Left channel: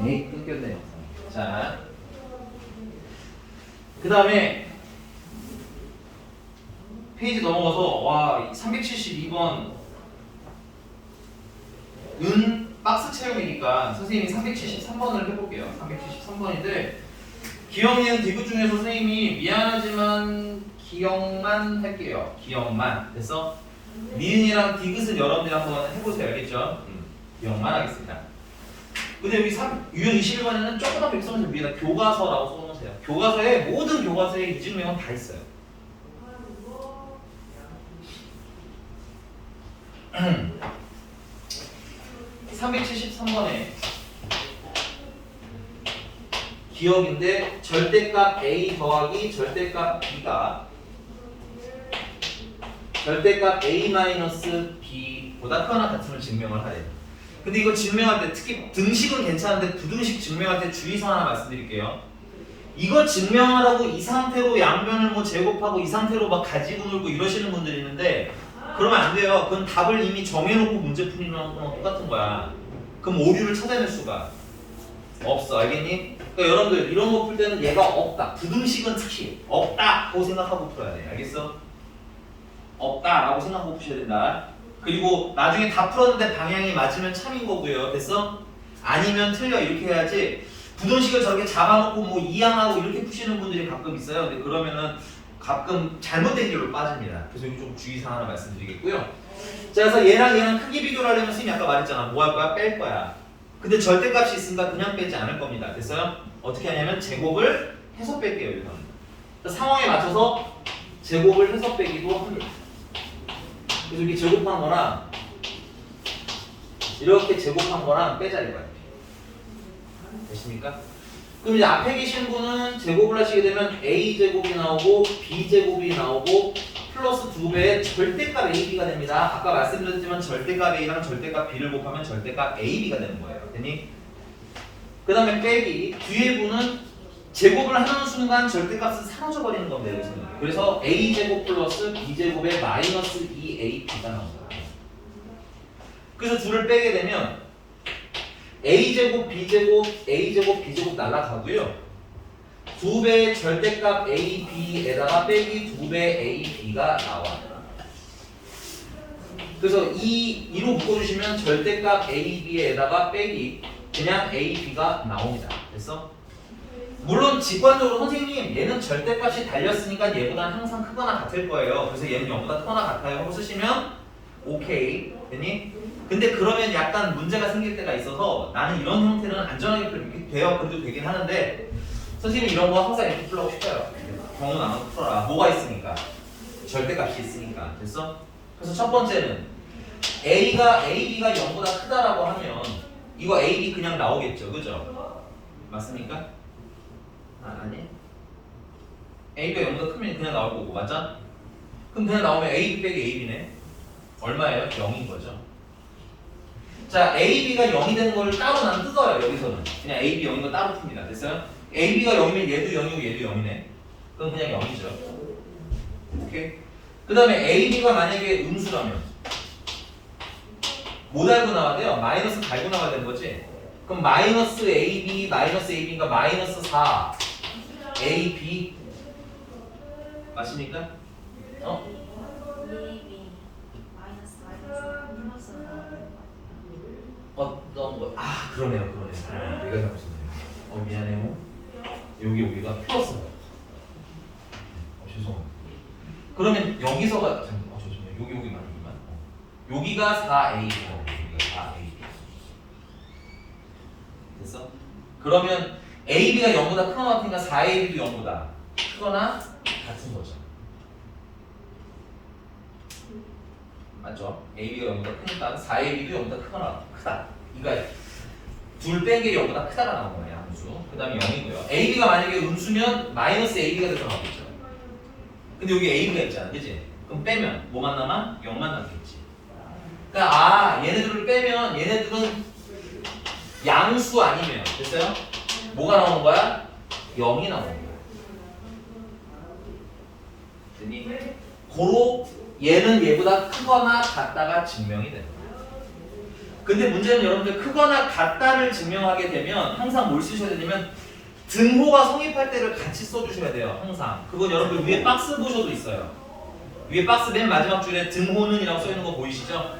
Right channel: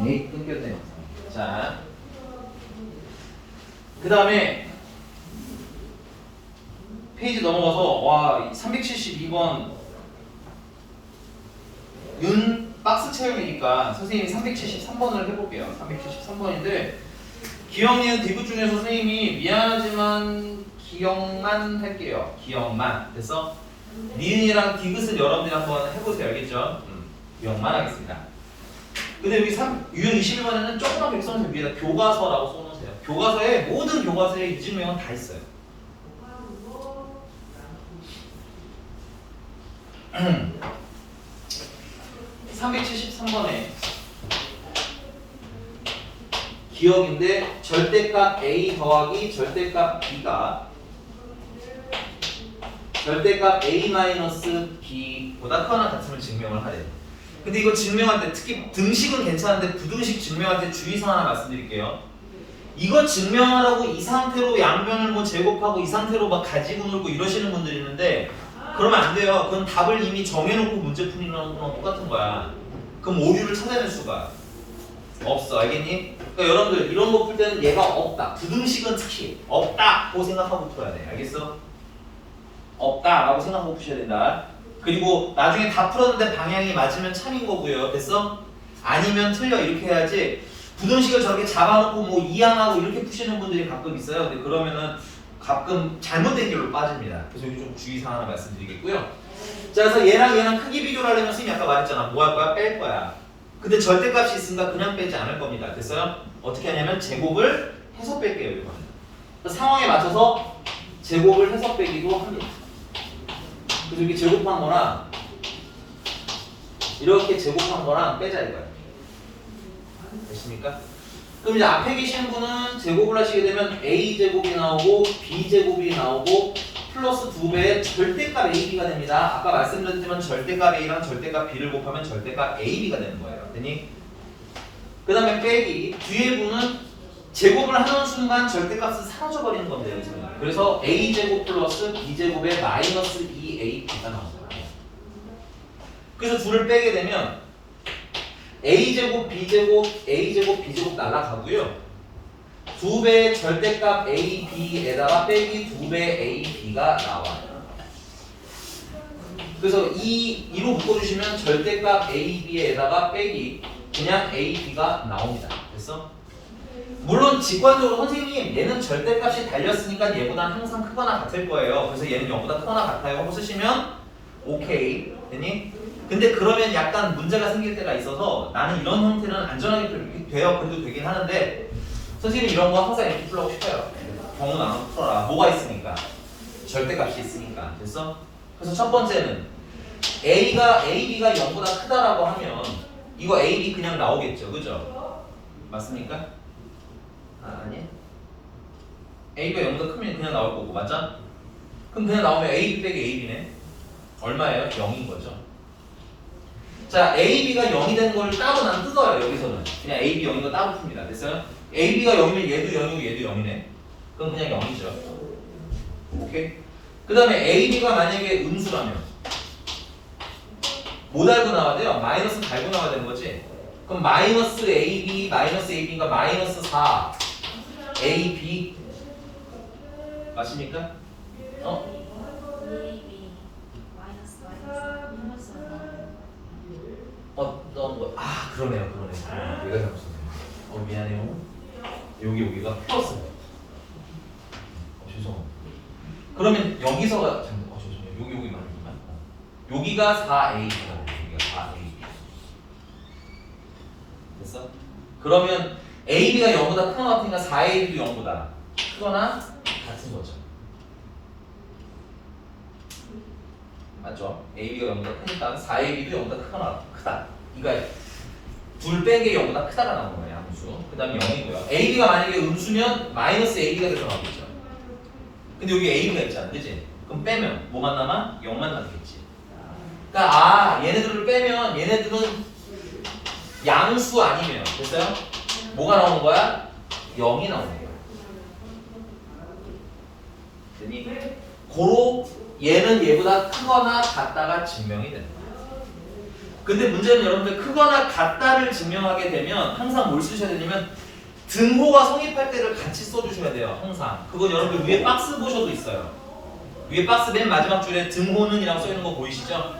네, 끊겼네요. 자, 그 다음에 페이지 넘어가서 와 372번 은 박스 체험이니까 선생님이 373번을 해볼게요. 373번인데 기억니은 디귿 중에서 선생님이 미안하지만 기억만 할게요. 기억만. 그래서 니은이랑 디귿은 여러분들이 한번 해보세요. 알겠죠? 기억만 하겠습니다. 근데 여기 유형 21번에는 조금만 백성을 준비해서 교과서라고 써놓으세요. 교과서에 모든 교과서에 이 질문은 다 있어요. 373번에 기억인데 절대값 A 더하기 절대값 B가 절대값 A-B보다 크거나 같음을 증명을 하래요. 근데 이거 증명할 때 특히 등식은 괜찮은데 부등식 증명할 때 주의사항 하나 말씀드릴게요. 이거 증명하라고 이 상태로 양변을 뭐 제곱하고 이 상태로 막 가지고 놀고 이러시는 분들이 있는데 그러면 안 돼요. 그건 답을 이미 정해놓고 문제 풀이는 거랑 똑같은 거야. 그럼 오류를 찾아낼 수가 없어. 알겠니? 그러니까 여러분들 이런 거 풀 때는 얘가 없다. 부등식은 특히 없다고 생각하고 풀어야 돼. 알겠어? 없다라고 생각하고 푸셔야 된다. 그리고 나중에 다 풀었는데 방향이 맞으면 참인 거고요. 됐어? 아니면 틀려 이렇게 해야지. 부등식을 저렇게 잡아놓고 뭐 이항하고 이렇게 푸시는 분들이 가끔 있어요. 근데 그러면은 가끔 잘못된 길로 빠집니다. 그래서 여기 좀 주의사항 하나 말씀드리겠고요. 자, 그래서 얘랑 크기 비교를 하려면 선생님이 아까 말했잖아. 뭐 할 거야? 뺄 거야. 근데 절대값이 있으니까 그냥 빼지 않을 겁니다. 됐어요? 어떻게 하냐면 제곱을 해서 뺄게요. 이거는. 상황에 맞춰서 제곱을 해서 빼기도 합니다. 그래서 이렇게 제곱한 거랑 이렇게 제곱한 거랑 빼자 이거야. 되십니까? 그럼 이제 앞에 계신 분은 제곱을 하시게 되면 A제곱이 나오고 B제곱이 나오고 플러스 2배의 절대값 AB가 됩니다. 아까 말씀드렸지만 절대값 A랑 절대값 B를 곱하면 절대값 AB가 되는 거예요. 되니? 그 다음에 빼기 뒤에 분은 제곱을 하는 순간 절대값은 사라져 버리는 겁니다. 여기서는. 그래서 A제곱 플러스 B제곱의 마이너스 2AB가 나옵니다. 그래서 둘을 빼게 되면 A제곱, B제곱, A제곱, B제곱 날라가고요. 2배의 절대값 AB에다가 빼기 2배 AB가 나와요. 그래서 이로 묶어주시면 절대값 AB에다가 빼기 그냥 AB가 나옵니다. 됐어? 물론 직관적으로 선생님 얘는 절대값이 달렸으니까 얘보다 항상 크거나 같을 거예요. 그래서 얘는 0보다 크거나 같아요 하고 쓰시면 오케이. 됐니? 근데 그러면 약간 문제가 생길 때가 있어서 나는 이런 형태는 안전하게 이렇게 돼요. 그래도 되긴 하는데 선생님이 이런 거 항상 이렇게 풀라고 싶어요. 경우 나면 풀어라. 뭐가 있으니까? 절대값이 있으니까. 됐어? 그래서 첫 번째는 B가 0보다 크다라고 하면 이거 AB 그냥 나오겠죠. 그죠? 맞습니까? 아니? A가 0보다 크면 그냥 나올 거고 맞아? 그럼 그냥 나오면 AB 빼기 AB네. 얼마예요? 0인 거죠. 자, AB가 0이 되는 거를 따로 난 뜯어요. 여기서는 그냥 AB 0인 거 따로 풉니다. 됐어요? AB가 0이면 얘도 0이고 얘도 0이네. 그럼 그냥 0이죠. 오케이? 그 다음에 AB가 만약에 음수라면 뭐 달고 나와야 돼요? 마이너스 달고 나와야 되는 거지? 그럼 마이너스 AB, 마이너스 AB가 마이너스 4 AB 맞습니까? 어? 어떤 거? 아 그러네요. 내가 잘못했네요. 미안해요. 여기가 플러스. 죄송합니다. 그러면 여기서가 죄송해요. 여기 말이구만. 여기가 4AB가 여기가 4AB. 됐어? 그러면 AB가 0보다 크거나 같으니까 4AB도 0보다 크거나 같은 거죠. 맞죠? AB가 0보다 크니까 4AB도 0보다 크거나 크다. 이거 둘 뺀 게 0보다 크다가 나온 거예요. 함수. 그 다음에 0이고요. AB가 만약에 음수면 마이너스 AB가 돼서 나오겠죠. 근데 여기 AB가 있잖아. 그치? 그럼 빼면 뭐만 남아? 0만 남겠지. 그러니까 얘네들을 빼면 얘네들은 양수 아니면 됐어요? 뭐가 나오는 거야? 0이 나오는 거야. 됐니? 고로 얘는 얘보다 크거나 같다가 증명이 되는 거야. 근데 문제는 여러분들 크거나 같다를 증명하게 되면 항상 뭘 쓰셔야 되냐면 등호가 성립할 때를 같이 써주셔야 돼요. 항상. 그건 여러분들 위에 박스 보셔도 있어요. 위에 박스 맨 마지막 줄에 등호는 이라고 써있는 거 보이시죠?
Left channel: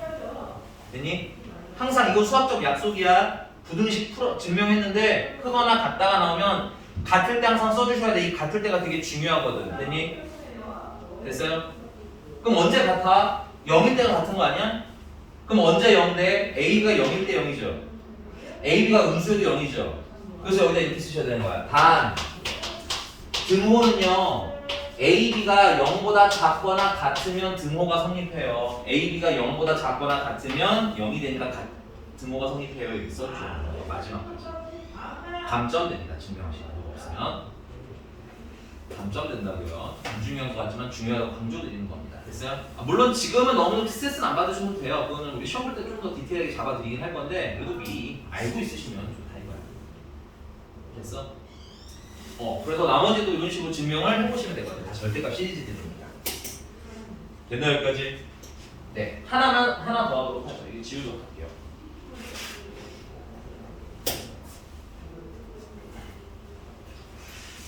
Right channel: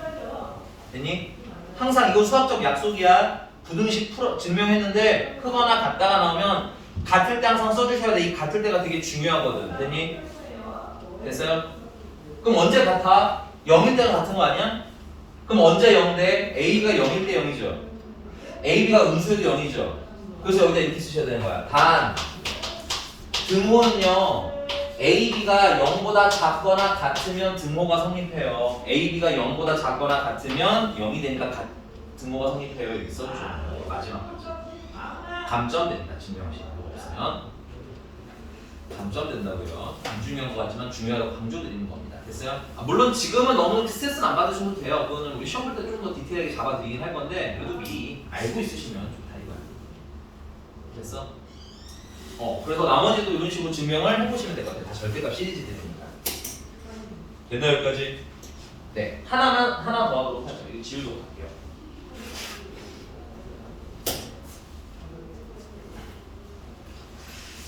됐니? 항상 이거 수학적 약속이야. 부등식 증명했는데 크거나 같다가 나오면 같을 때 항상 써주셔야 돼. 이 같을 때가 되게 중요하거든. 됐니? 됐어요? 그럼 언제 같아? 0일 때가 같은 거 아니야? 그럼 언제 0 돼? A가 0일 때 0이죠. AB가 음수여도 0이죠. 그래서 여기다 이렇게 쓰셔야 되는 거야. 단 등호는요. AB가 0보다 작거나 같으면 등호가 성립해요. AB가 0보다 작거나 같으면 0이 되니까 등호가 성립해요. 이렇게 써주셔야 돼요. 마지막까지. 감점 됩니다. 증명하시는 거 없으면. 감점 된다고요. 안 중요한 것 같지만 중요하다고 강조드리는 겁니다. 됐어요? 물론 지금은 너무 스트레스는 안 받으셔도 돼요. 그거는 우리 시험 볼 때 좀 더 디테일하게 잡아드리긴 할 건데 그래도 미리 알고 있으시면 좋다 이거야. 됐어? 그래서 나머지도 이런 식으로 증명을 해보시면 될 것 같아요. 다 절대값 시리즈 되는 겁니다. 됐나요 여기까지? 네. 하나 더 하도록 하죠. 이거 지우도록 할게요.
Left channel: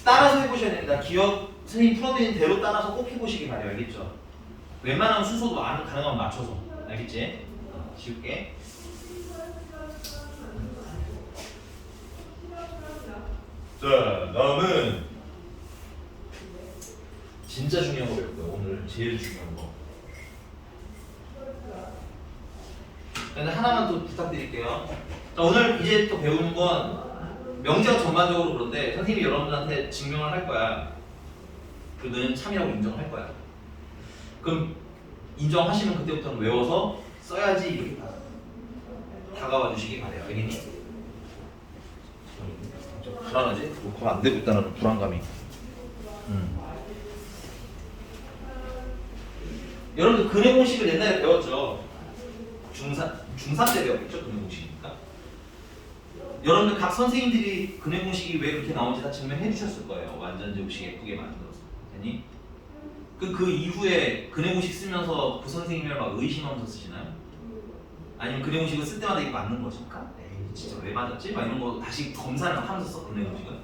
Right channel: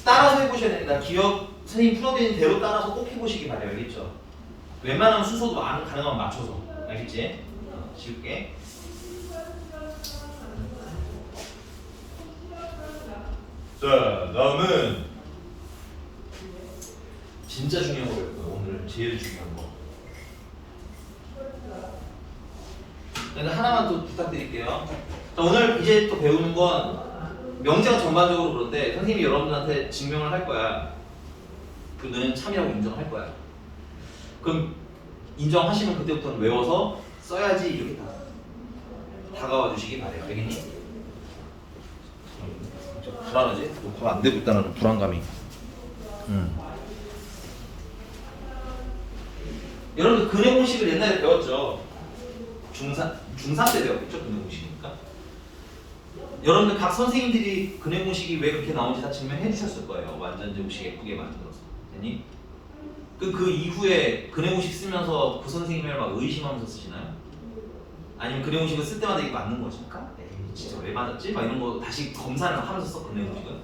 따라서 해보셔야 됩니다. 기억 선생님 풀어드린 대로 따라서 꼭 해보시기 바래요. 알겠죠? 웬만하면 순서도 가능하면 맞춰서. 알겠지? 지울게. 자, 다음은 진짜 중요한 거 배울 거예요. 오늘 제일 중요한 거. 근데 하나만 또 부탁드릴게요. 자, 오늘 이제 또 배우는 건 명제가 전반적으로 그런데 선생님이 여러분들한테 증명을 할 거야. 그 너는 참이라고 인정할 거야. 그럼 인정하시면 그때부터는 외워서 써야지 이렇게 다가와 주시기 바래요. 알겠니? 불안하지? 뭐 안 되고 있다는 불안감이. 여러분들 근해 공식을 옛날에 배웠죠. 중3 때 배웠겠죠? 근해 공식이니까. 여러분들 각 선생님들이 근해 공식이 왜 그렇게 나오는지 다 증명해 주셨을 거예요. 완전 정식 예쁘게 만들어서. 되니? 그 이후에 근해 공식 쓰면서 그 선생님을 막 의심하면서 쓰시나요? 아니면 근해 공식을 쓸 때마다 이게 맞는 거니까? 에이 진짜 왜 맞았지? 막 이런 거 다시 검사를 하면서 써 근해 공식은?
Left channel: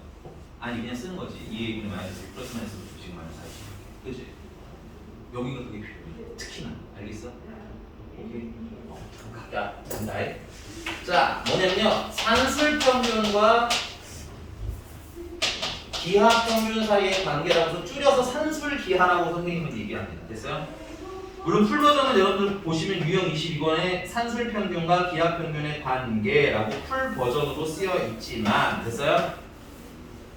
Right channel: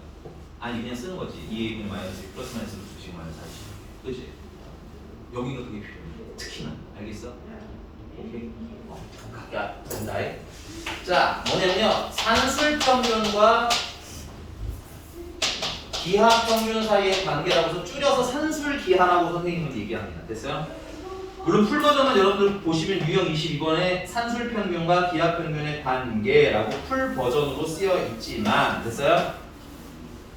아니 그냥 쓰는 거지. 2A분의 마이너스 플러스 마이너스 2식 마이너스 4식. 그치? 여기가 그게 필요해. 특히나. 알겠어? 오케이? 각자 간다. 자, 뭐냐면요. 산술평균과 기하평균 사이의 관계라고 해서 줄여서 산술기하라고 선생님은 얘기합니다. 됐어요? 물론 풀버전은 여러분들 보시면 유형 22번에 산술평균과 기하평균의 관계라고 풀버전으로 쓰여 있지만 됐어요?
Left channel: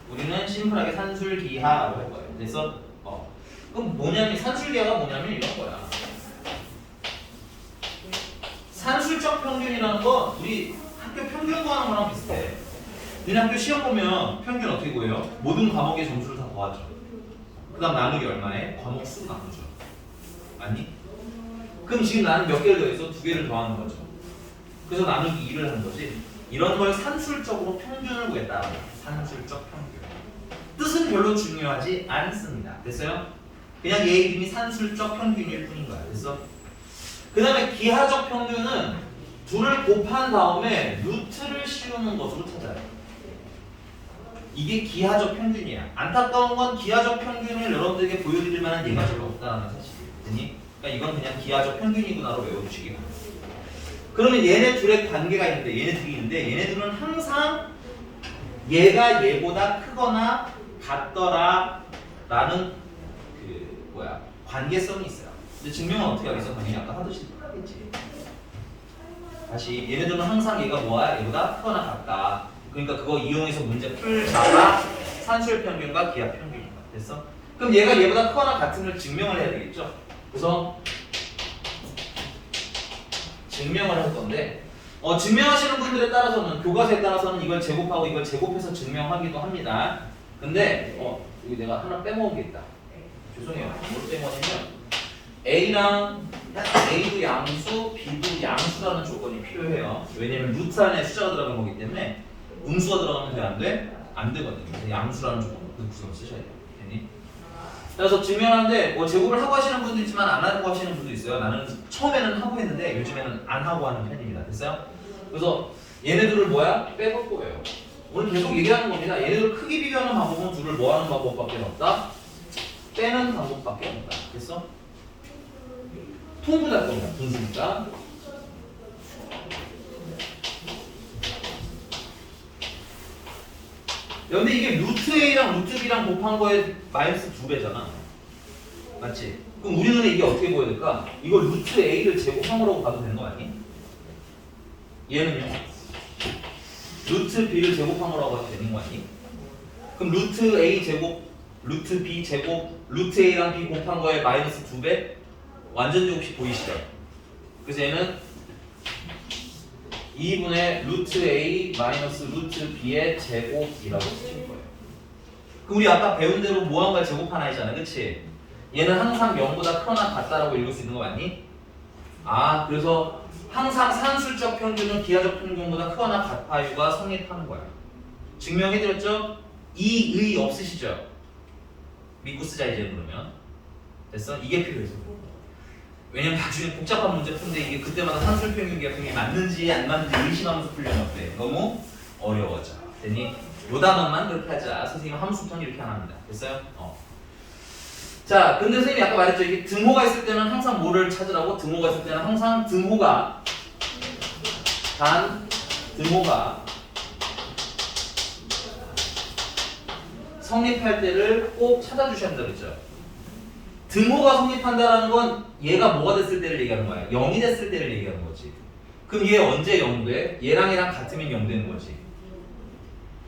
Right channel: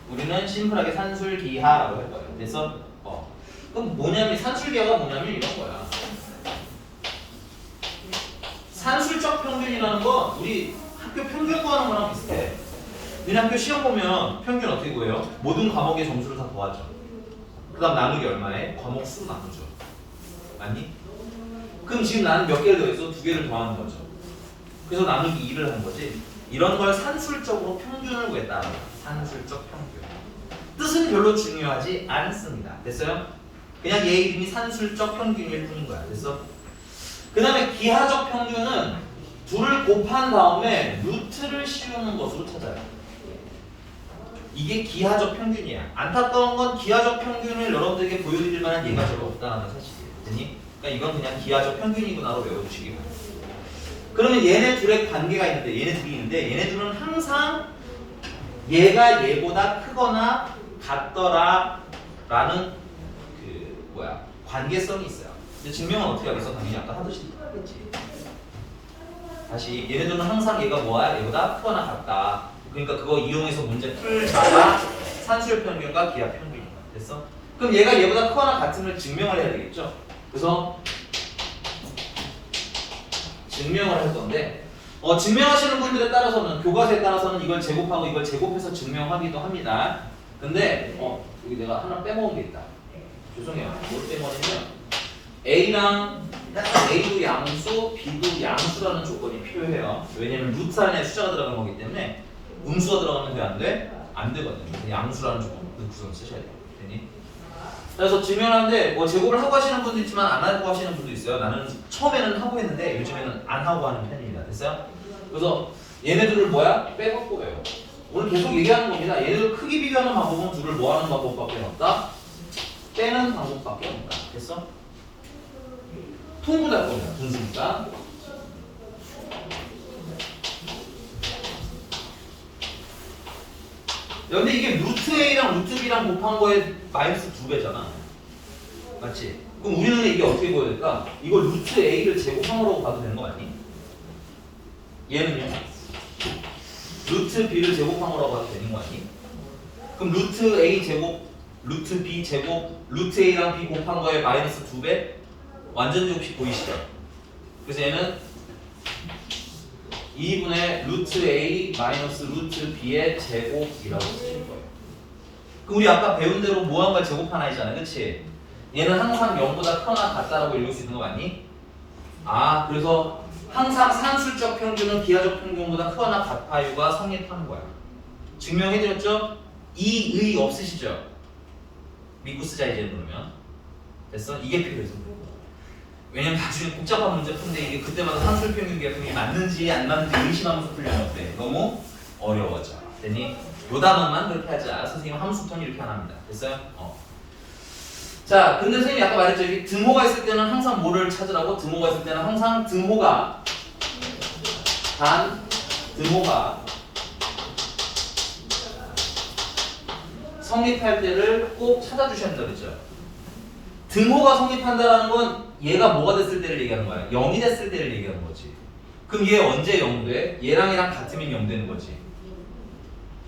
우리는 심플하게 산술기하라고 할 거예요. 됐어? 그럼 뭐냐면 산술기하가 뭐냐면 이런 거야. 산술적 평균이라는 건 우리 학교 평균 구하는 거랑 비슷해. 너네 학교 시험 보면 평균 어떻게 구해요? 모든 과목의 점수를 다 더하죠. 그 다음 나누기 얼마에? 과목 수로 나누죠. 맞니? 그럼 지금 나는 몇 개를 더해서 2개를 더하는 거죠. 그래서 나누기 2를 하는 거지. 이런 걸 산술적으로 평균을 구했다. 산술적 평균. 뜻은 별로 중요하지 않습니다. 됐어요? 그냥 얘 이름이 산술적 평균일 뿐인 거야. 됐어? 그 다음에 기하적 평균은 둘을 곱한 다음에 루트를 씌우는 것으로 찾아요. 이게 기하적 평균이야. 안타까운 건 기하적 평균을 여러분들에게 보여드릴 만한 예가 별로 없다는 사실이에요. 됐니? 그러니까 이건 그냥 기하적 평균이구나로 외워주시기 바랍니다. 그러면 얘네 둘의 관계가 있는데 얘네 둘이 있는데 얘네 둘은 항상 얘가 얘보다 크거나 같더라 라는 관계성이 있어요. 근데 증명은 어떻게 하겠어? 당연히 아까 하듯이 하겠지. 다시 얘네들은 항상 얘가 뭐야? 얘보다 크거나 같다. 그러니까 그거 이용해서 문제 풀다가 산술 평균과 기하 평균이다. 됐어? 그럼 얘가 얘보다 크거나 같음을 증명을 해야 되겠죠? 그래서 증명을 할 건데 증명하시는 분들에 따라서는 교과서에 따라서는 이걸 제곱하고 이걸 제곱해서 증명하기도 합니다. 근데 여기 내가 하나 빼먹은 게 있다. 죄송해요. 뭘 빼먹으면 A랑 A도 양수, B도 양수라는 조건이 필요해요. 왜냐면 루트 안에 숫자가 들어간 거기 때문에 음수가 들어가면 돼? 안 돼? 안 되거든요. 양수라는 조건 구성을 쓰셔야 돼요. 되니? 그래서 증명하는데 제곱을 하고 하시는 분도 있지만 안 하고 하시는 분도 있어요. 나는 처음에는 하고 했는데 요즘에는 안 하고 하는 편입니다. 됐어요? 그래서 얘네들을 뭐야? 빼갖고 외워. 오늘 계속 얘기하는 겁니다. 얘네들 크기 비교하는 방법은 둘을 뭐 하는 방법밖에 없다? 빼는 방법밖에 없다. 됐어? 통분할 겁니다. 분수니까. 근데 이게 루트 A랑 루트 B랑 곱한 거에 마이너스 2배잖아. 맞지? 그럼 우리 눈에 이게 어떻게 보여야 될까? 이거 루트 A를 제곱한 거라고 봐도 되는 거 아니? 얘는요? 루트 B를 제곱한 거라고 봐도 되는 거 아니? 그럼 루트 A 제곱, 루트 B 제곱, 루트 A랑 B 곱한 거에 마이너스 2배? 완전 제곱식 보이시죠? 그래서 얘는 2분의 루트 A 마이너스 루트 B의 제곱이라고 쓰실 거예요. 그럼 우리 아까 배운 대로 무한과 제곱 하나이잖아, 그치? 얘는 항상 0보다 크거나 같다라고 읽을 수 있는 거 맞니? 아, 그래서 항상 산술적 평균은 기하적 평균보다 크거나 같아요가 성립하는 거야. 증명해드렸죠? 이의 없으시죠? 믿고 쓰자 이제 그러면. 됐어? 이게 필요해서. 왜냐면 나중에 복잡한 문제 푸는데 이게 그때마다 산술 평균 기하평균이 맞는지 안 맞는지 의심하면서 풀려면 어때? 너무 어려워져. 됐니? 요 단어만 그렇게 하자. 선생님 함수턴 이렇게 안 합니다. 됐어요? 자, 근데 선생님이 아까 말했죠. 이게 등호가 있을 때는 항상 뭐를 찾으라고? 등호가 있을 때는 항상 등호가 성립할 때를 꼭 찾아주셔야 된다 그랬죠? 등호가 성립한다는 건 얘가 뭐가 됐을 때를 얘기하는 거야. 0이 됐을 때를 얘기하는 거지. 그럼 얘 언제 0 돼? 얘랑 같으면 0 되는 거지.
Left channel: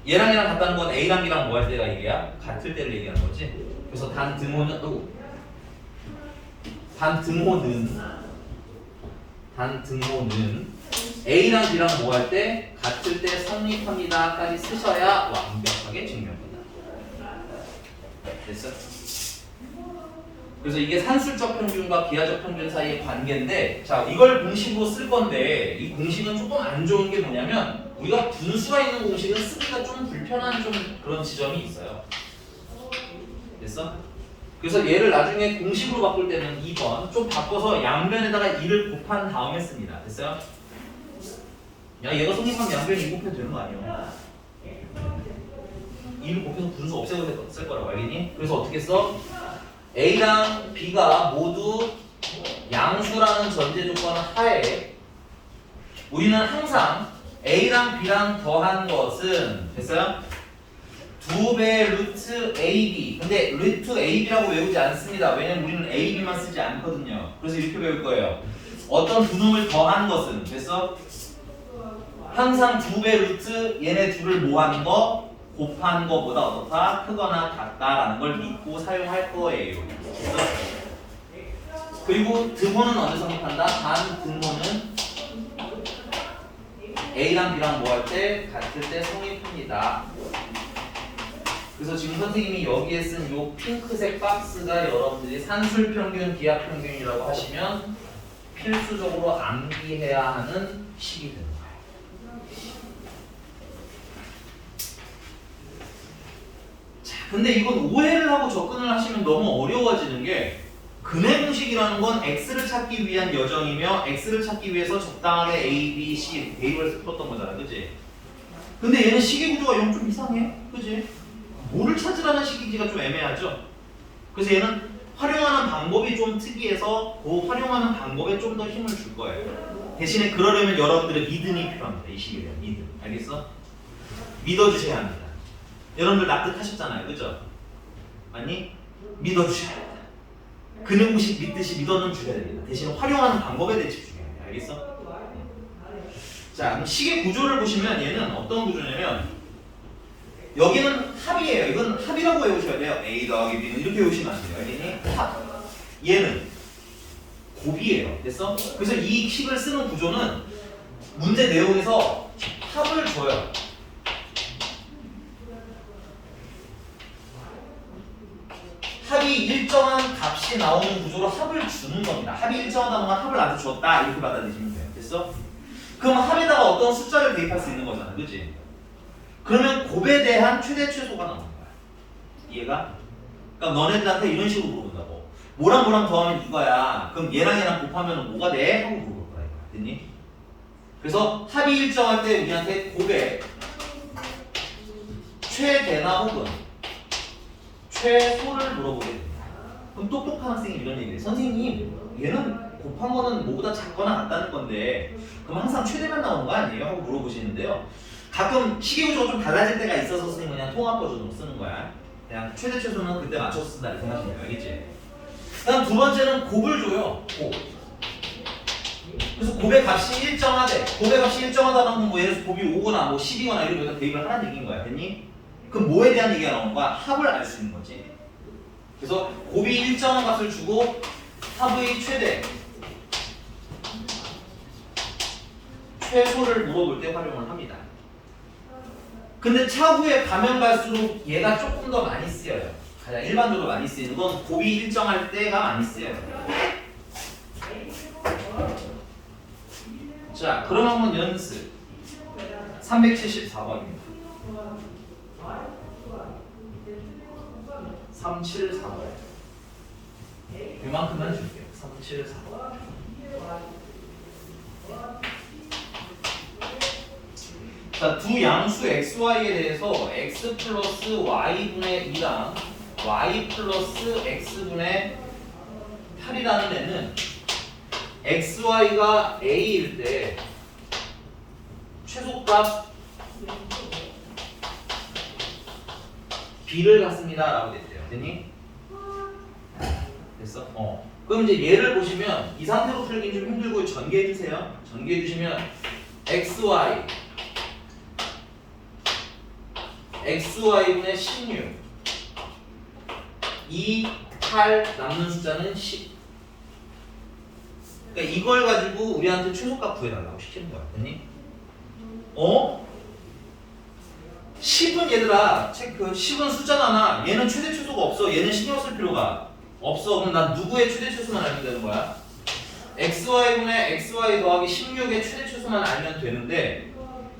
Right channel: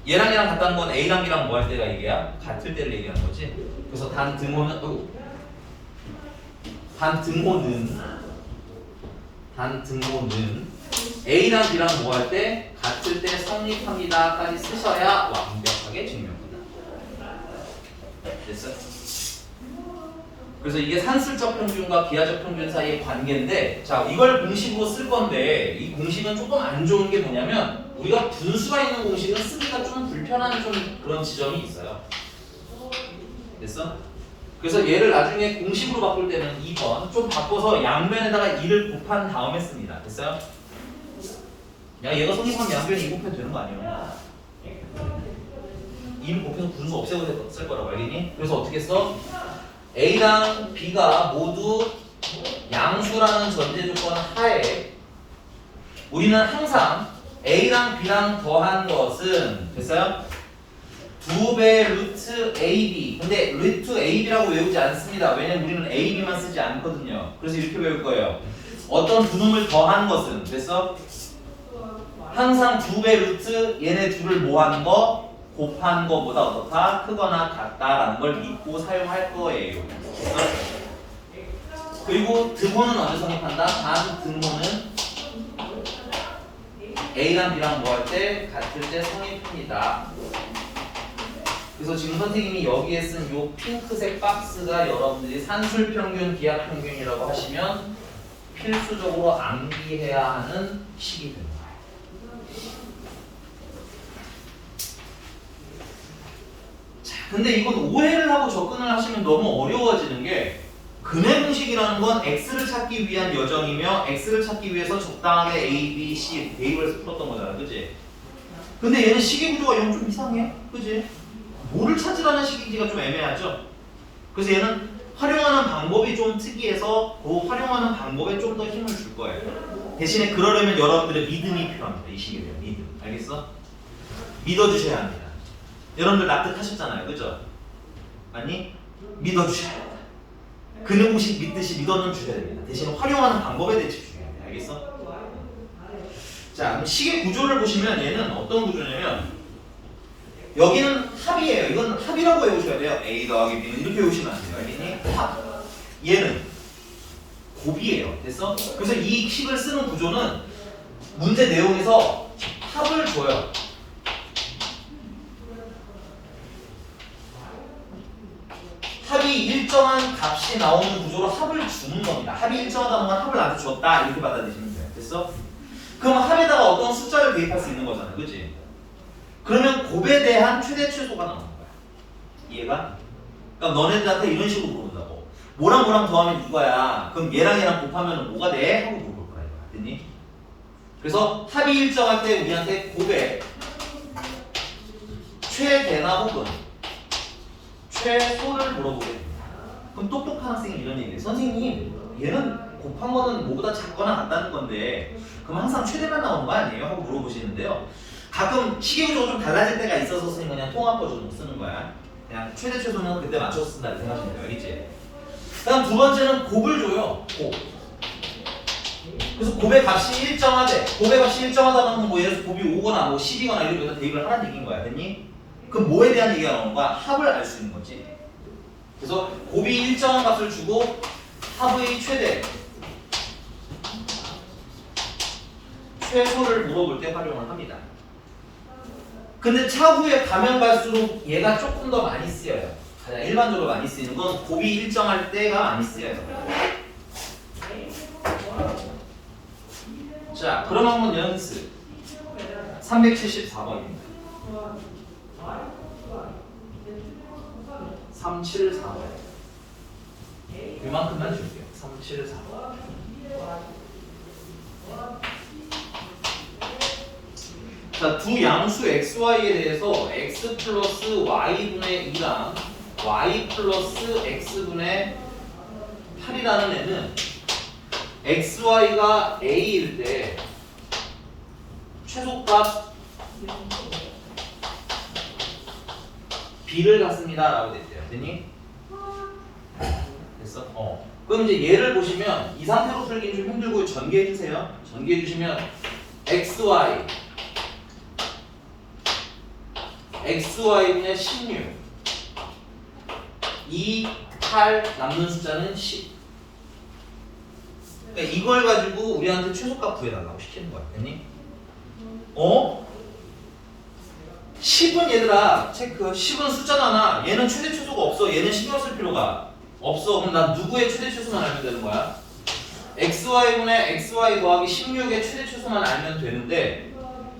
얘랑 같다는 건 A랑 B랑 뭐 할 때가 얘기야? 같을 때를 얘기하는 거지. 그래서 단등호는 A랑 B랑 뭐 할 때? 같을 때 성립합니다까지 쓰셔야 완벽하게 증명된다. 됐어? 그래서 이게 산술적 평균과 기하적 평균 사이의 관계인데, 자, 이걸 공식으로 쓸 건데 이 공식은 조금 안 좋은 게 뭐냐면 우리가 분수가 있는 공식은 쓰기가 좀 불편한 좀 그런 지점이 있어요. 됐어? 그래서 얘를 나중에 공식으로 바꿀 때는 2번 좀 바꿔서 양변에다가 2를 곱한 다음에 씁니다. 됐어요? 야, 얘가 성립하면 양변에 2 곱해도 되는 거 아니에요? 2를 곱해서 분수 없애고 쓸 거라고 알겠니? 그래서 어떻게 써? A랑 B가 모두 양수라는 전제 조건 하에 우리는 항상 A랑 B랑 더한 것은 됐어요? 2배 루트 AB. 근데 루트 AB라고 외우지 않습니다. 왜냐면 우리는 AB만 쓰지 않거든요. 그래서 이렇게 외울 거예요. 어떤 두 놈을 더한 것은 됐어? 항상 2배 루트 얘네 둘을 모한 거 곱한 거보다 어떻다? 크거나 같다라는 걸 믿고 사용할 거예요. 그리고 등호는 언제 성립한다? 단 등호는 A랑 B랑 뭐 할 때? 같을 때 성립합니다. 그래서 지금 선생님이 여기에 쓴 요 핑크색 박스가 여러분들이 산술평균, 기하평균이라고 하시면 필수적으로 암기해야 하는 식이 됩니다. 근데 이건 오해를 하고 접근을 하시면 너무 어려워지는 게 근해 공식이라는 건 x를 찾기 위한 여정이며 x를 찾기 위해서 적당하게 a, b, c 대입을 풀었던 거잖아, 그지? 근데 얘는 식의 구조가 좀 이상해, 그지? 뭐를 찾으라는 식이기가 좀 애매하죠? 그래서 얘는 활용하는 방법이 좀 특이해서 그 활용하는 방법에 좀 더 힘을 줄 거예요. 대신에 그러려면 여러분들의 믿음이 필요합니다. 이 식에 대한 믿음, 알겠어? 믿어주셔야 합니다. 여러분들 납득하셨잖아요, 그죠? 아니? 믿어주셔야 됩니다. 근해 공식 믿듯이 믿어는 주셔야 됩니다. 대신 활용하는 방법에 대해 집중해야 돼요. 알겠어? 자, 그럼 식의 구조를 보시면 얘는 어떤 구조냐면 여기는 합이에요. 이건 합이라고 외우셔야 돼요. A 더하기 B는 이렇게 외우시면 안 돼요. 알겠니? 합. 얘는 곱이에요. 됐어? 그래서 이 식을 쓰는 구조는 문제 내용에서 합을 줘요. 합이 일정한 값이 나오는 구조로 합을 주는 겁니다. 합이 일정하다는 건 합을 나한테 줬다 이렇게 받아들이시면 돼요. 됐어? 그럼 합에다가 어떤 숫자를 대입할 수 있는 거잖아, 그치? 그러면 곱에 대한 최대 최소가 나오는 거야. 이해가? 그러니까 너네들한테 이런 식으로 물어본다고. 뭐랑 더하면 이거야. 그럼 얘랑 곱하면 뭐가 돼? 하고 물어볼 거야. 됐니? 그래서 합이 일정할 때 우리한테 곱의 최대나 혹은 최소를 물어보게 됩니다. 그럼 똑똑한 학생이 이런 얘기해요. 선생님, 얘는 곱한 거는 뭐보다 작거나 같다는 건데 그럼 항상 최대만 나오는 거 아니에요? 하고 물어보시는데요. 가끔 시계구조가 좀 달라질 때가 있어서 쓰는 그냥 통합 버전으로 쓰는 거야. 그냥 최대 최소는 그때 맞춰서 쓴다는 생각하시면 돼요. 알겠지? 다음 두 번째는 곱을 줘요. 곱. 그래서 곱의 값이 일정하대. 곱의 값이 일정하다는 건 뭐 예를 들어서 곱이 5거나 뭐 10이거나 이런 거에다 대입을 하라는 얘기인 거야. 됐니? 그럼 뭐에 대한 얘기가 나오는 거야? 합을 알 수 있는 거지. 그래서 곱이 일정한 값을 주고 합의 최대, 최소를 물어볼 때 활용을 합니다. 근데 차후에 가면 갈수록 얘가 조금 더 많이 쓰여요. 가장 일반적으로 많이 쓰이는 건 곱이 일정할 때가 많이 쓰여요. 자, 그럼 한번 연습 374번입니다. 374번. 이만큼만 줄게요. 374번. 자, 두 양수 xy에 대해서 x 플러스 y분의 2랑 y 플러스 x분의 8이라는 애는 xy가 a일 때 최소값 b를 갖습니다 라고 됐대요. 됐니? 됐어? 그럼 이제 얘를 보시면 이 상태로 풀기는 좀 힘들고 전개해 주세요. 전개해 주시면 xy분의 16 2, 8 남는 숫자는 10. 그러니까 이걸 가지고 우리한테 최소값 구해달라고 시키는 거야. 됐니? 10은 얘들아 체크. 10은 숫자잖아. 얘는 최대 최소가 없어. 얘는 신경 쓸 필요가 없어. 그럼 난 누구의 최대 최소만 알면 되는 거야? xy분의 xy 더하기 16의 최대 최소만 알면 되는데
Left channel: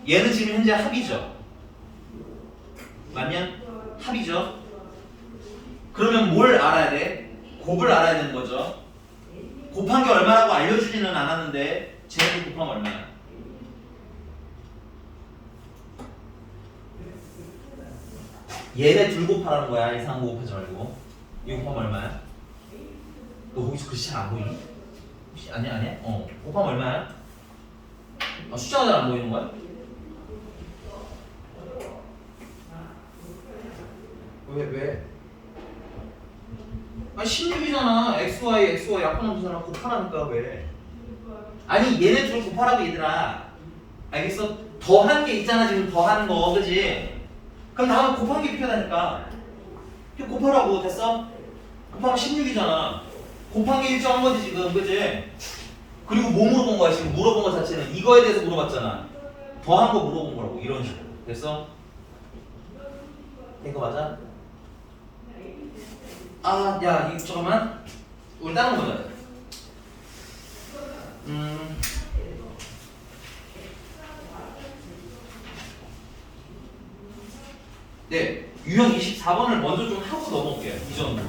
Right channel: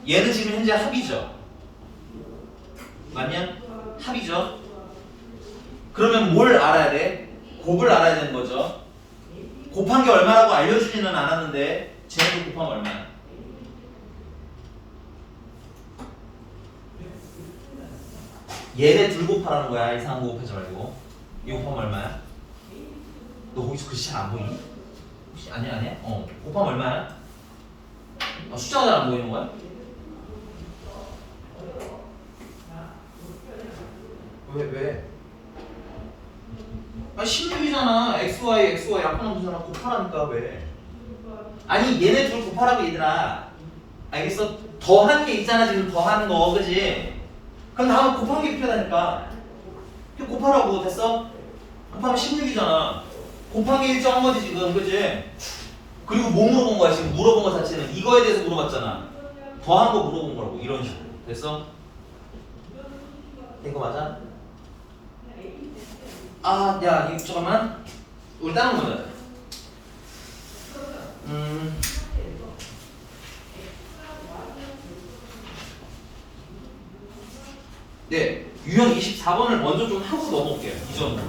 얘는 지금 현재 합이죠. 맞냐? 합이죠. 그러면 뭘 알아야 돼? 곱을 알아야 되는 거죠. 곱한 게 얼마라고 알려주지는 않았는데 쟤는 곱하면 얼마야? 얘네 둘 곱하라는 거야. 이상한 거 곱하지 말고. 이거 곱하면 얼마야? 너 거기서 글씨 잘 안 보이니? 혹시 아니야? 곱하면 얼마야? 숫자가 잘 안 보이는 거야? 왜? 아니 16이잖아. xy 약분하면 되잖아. 곱하라니까 왜? 아니 얘네 둘 곱하라고 얘들아. 알겠어? 더한 게 있잖아. 지금 더한 거 그지? 그럼 다음에 곱한 게 필요하다니까. 곱하라고. 됐어? 곱하면 16이잖아. 곱한 게 일정한 거지 지금. 그지? 그리고 뭐 물어본 거야 지금? 물어본 거 자체는 이거에 대해서 물어봤잖아. 더한 거 물어본 거라고. 이런 식으로. 됐어? 된 거 맞아? 야, 이거 잠깐만. 우리 다른 거 보자. 네, 유형 24번을 먼저 좀 하고 넘어올게요. 이 정도.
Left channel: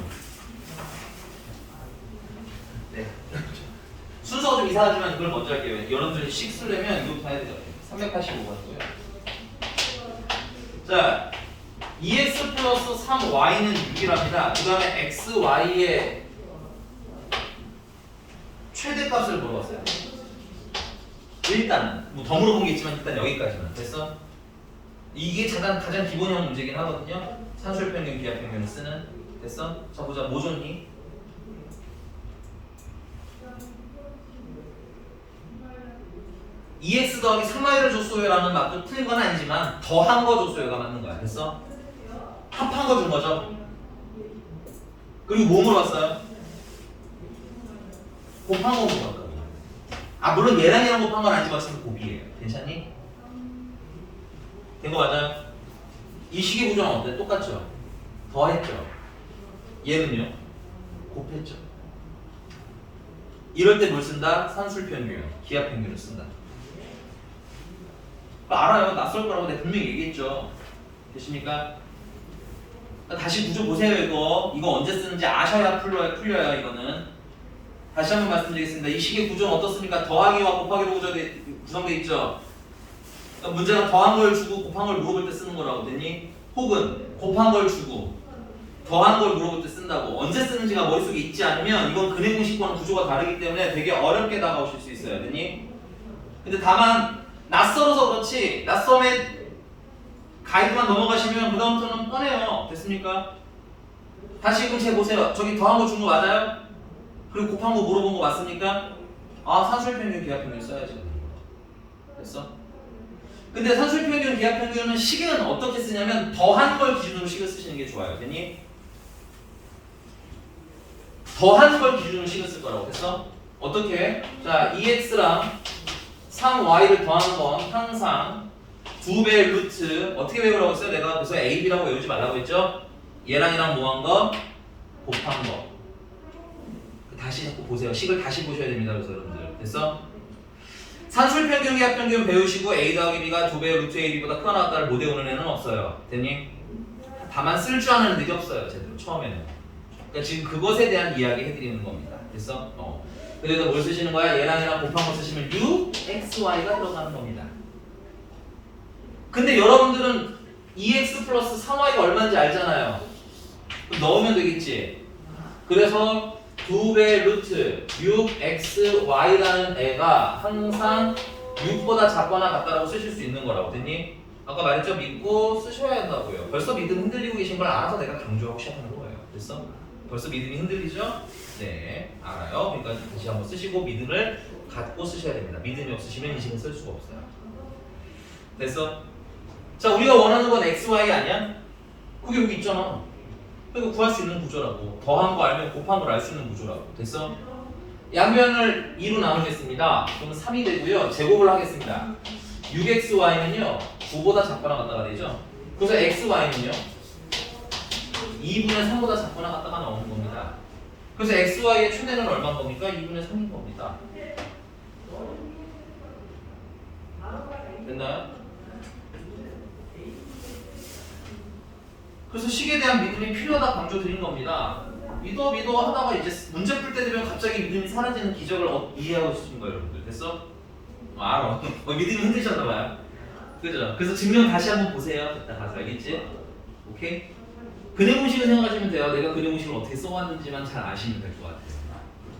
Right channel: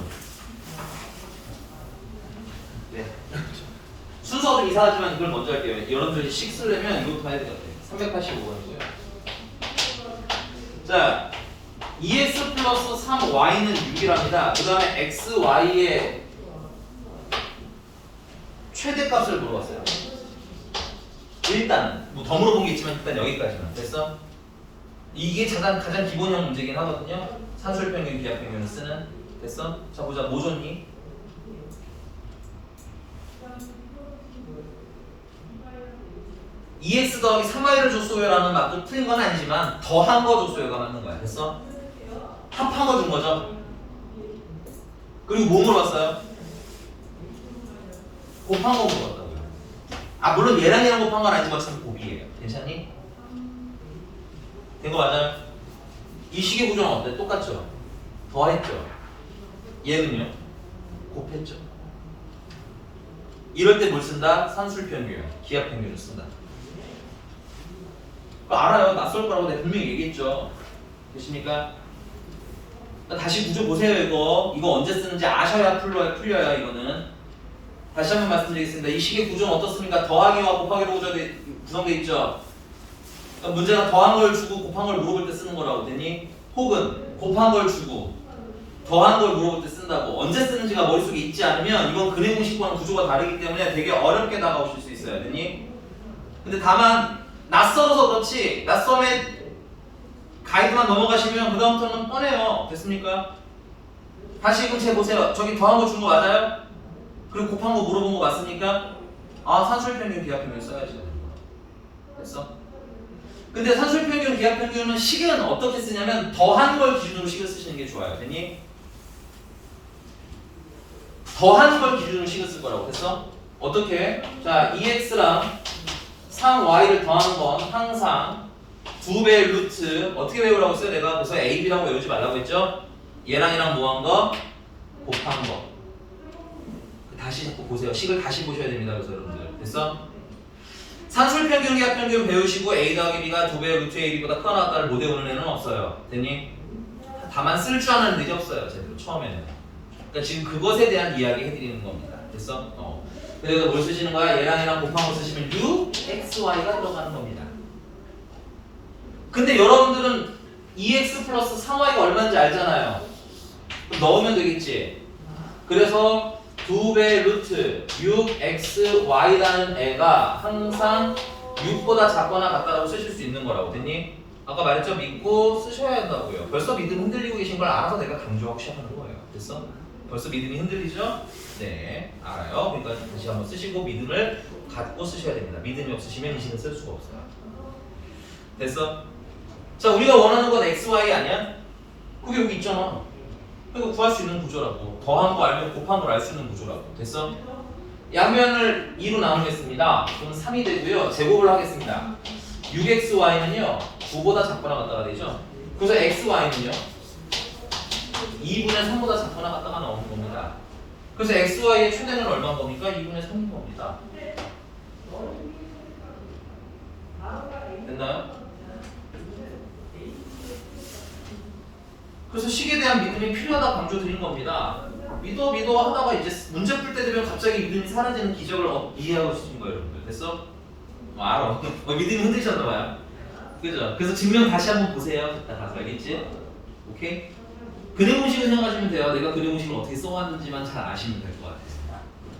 네. 순서가 좀 이상하지만 이걸 먼저 할게요. 여러분들이 식 쓰려면 이것부터 해야 되잖아요. 385번이고요. 자. 2x 플러스 3y는 6이랍니다. 그 다음에 xy의 최대값을 물어봤어요. 일단은 뭐 더 물어본 게 있지만 일단 여기까지만. 됐어? 이게 가장 기본형 문제긴 하거든요. 산술평균, 기하평균을 쓰는. 됐어? 자 보자. 뭐 줬니? EX 더하기 3y를 줬어요라는 말도 틀린 건 아니지만 더한 거 줬어요가 맞는 거야. 됐어? 합한 거 준 거죠. 그리고 뭐 물어봤어요? 곱한 거 물어봤다고요. 물론 얘랑 얘랑 곱한 건 아니지만 어차피 곱이에요. 괜찮니? 된 거 맞아요? 이 식의 구조는 어때? 똑같죠? 더했죠? 얘는요? 곱했죠? 이럴 때 뭘 쓴다? 산술평균, 기하평균을 쓴다. 알아요. 낯설 거라고 내가 분명히 얘기했죠. 됐습니까? 다시 구조 보세요. 이거 언제 쓰는지 아셔야 풀려요. 이거는 다시 한번 말씀드리겠습니다. 이 식의 구조는 어떻습니까? 더하기와 곱하기로 구성돼 있죠? 그러니까 문제가 더한 걸 주고 곱한 걸 물어볼 때 쓰는 거라고 됐니? 혹은 곱한 걸 주고 더한 걸 물어볼 때 쓴다고. 언제 쓰는지가 머릿속에 있지 않으면 이건 근해 공식과는 구조가 다르기 때문에 되게 어렵게 다가오실 수 있어요. 됐니? 근데 다만 낯설어서 그렇지 낯섦에 가이드만 넘어가시면 그 다음부터는 뻔해요. 됐습니까? 다시 그럼 제 보세요. 저기 더한 거 준 거 맞아요? 그리고 곱한 거 물어본 거 맞습니까? 아 산술평균 기하평균 써야지. 됐어? 근데 산술평균 기하평균은 식은 어떻게 쓰냐면 더한 걸 기준으로 식을 쓰시는 게 좋아요. 됐니? 더한 걸 기준으로 식을 쓸 거라고. 됐어? 어떻게? 자 2x랑 3y를 더하는 건 항상 2배의 루트 어떻게 외우라고 했어요? 내가 그래서 a, b라고 외우지 말라고 했죠? 얘랑 얘랑 뭐 한 거? 곱한 거. 다시 자꾸 보세요. 식을 다시 보셔야 됩니다. 그래서 여러분들 됐어? 산술평균 기하평균 배우시고 a 더하기 b가 2배의 루트 ab보다 크거나 같다를 못 외우는 애는 없어요. 됐니? 다만 쓸 줄 아는 애들이 없어요. 제대로 처음에는. 그러니까 지금 그것에 대한 이야기 해드리는 겁니다. 됐어? 그래서 뭘 쓰시는 거야? 얘랑 얘랑 곱한 거 쓰시면 uxy가 들어가는 겁니다. 근데 여러분들은 2x 플러스 3y가 얼마인지 알잖아요. 그럼 넣으면 되겠지. 그래서 2배 루트 6xy라는 애가 항상 6보다 작거나 같다라고 쓰실 수 있는 거라고. 됐니? 아까 말했죠? 믿고 쓰셔야 한다고요. 벌써 믿음 흔들리고 계신 걸 알아서 내가 강조하고 시작하는 거예요. 됐어? 벌써 믿음이 흔들리죠? 네, 알아요. 그러니까 다시 한번 쓰시고 믿음을 갖고 쓰셔야 됩니다. 믿음이 없으시면 이 식은 쓸 수가 없어요. 됐어? 자, 우리가 원하는 건 XY 아니야? 그게 여기 있잖아. 그러니까 구할 수 있는 구조라고. 더한 거 알면 곱한 걸 알 수 있는 구조라고. 됐어? 양면을 2로 나누겠습니다. 그러면 3이 되고요. 제곱을 하겠습니다. 6xy는요 9보다 작거나 같다가 되죠. 그래서 xy는요 2분의 3보다 작거나 같다가 나오는 겁니다. 그래서 xy의 최대는 얼마인 겁니까? 2분의 3인 겁니다. 됐나요? 그래서 식에 대한 믿음이 필요하다 강조 드린 겁니다. 믿어 하다가 이제 문제 풀 때 되면 갑자기 믿음이 사라지는 기적을 이해하고 싶은 거예요, 여러분들. 됐어? 알아. 믿음이 흔들리셨나봐요. 그죠? 그래서 증명 다시 한번 보세요. 일단 가서 알겠지? 오케이? 근해 공식을 생각하시면 돼요. 내가 근해 공식을 어떻게 써왔는지만 잘 아시면 될 것 같아요.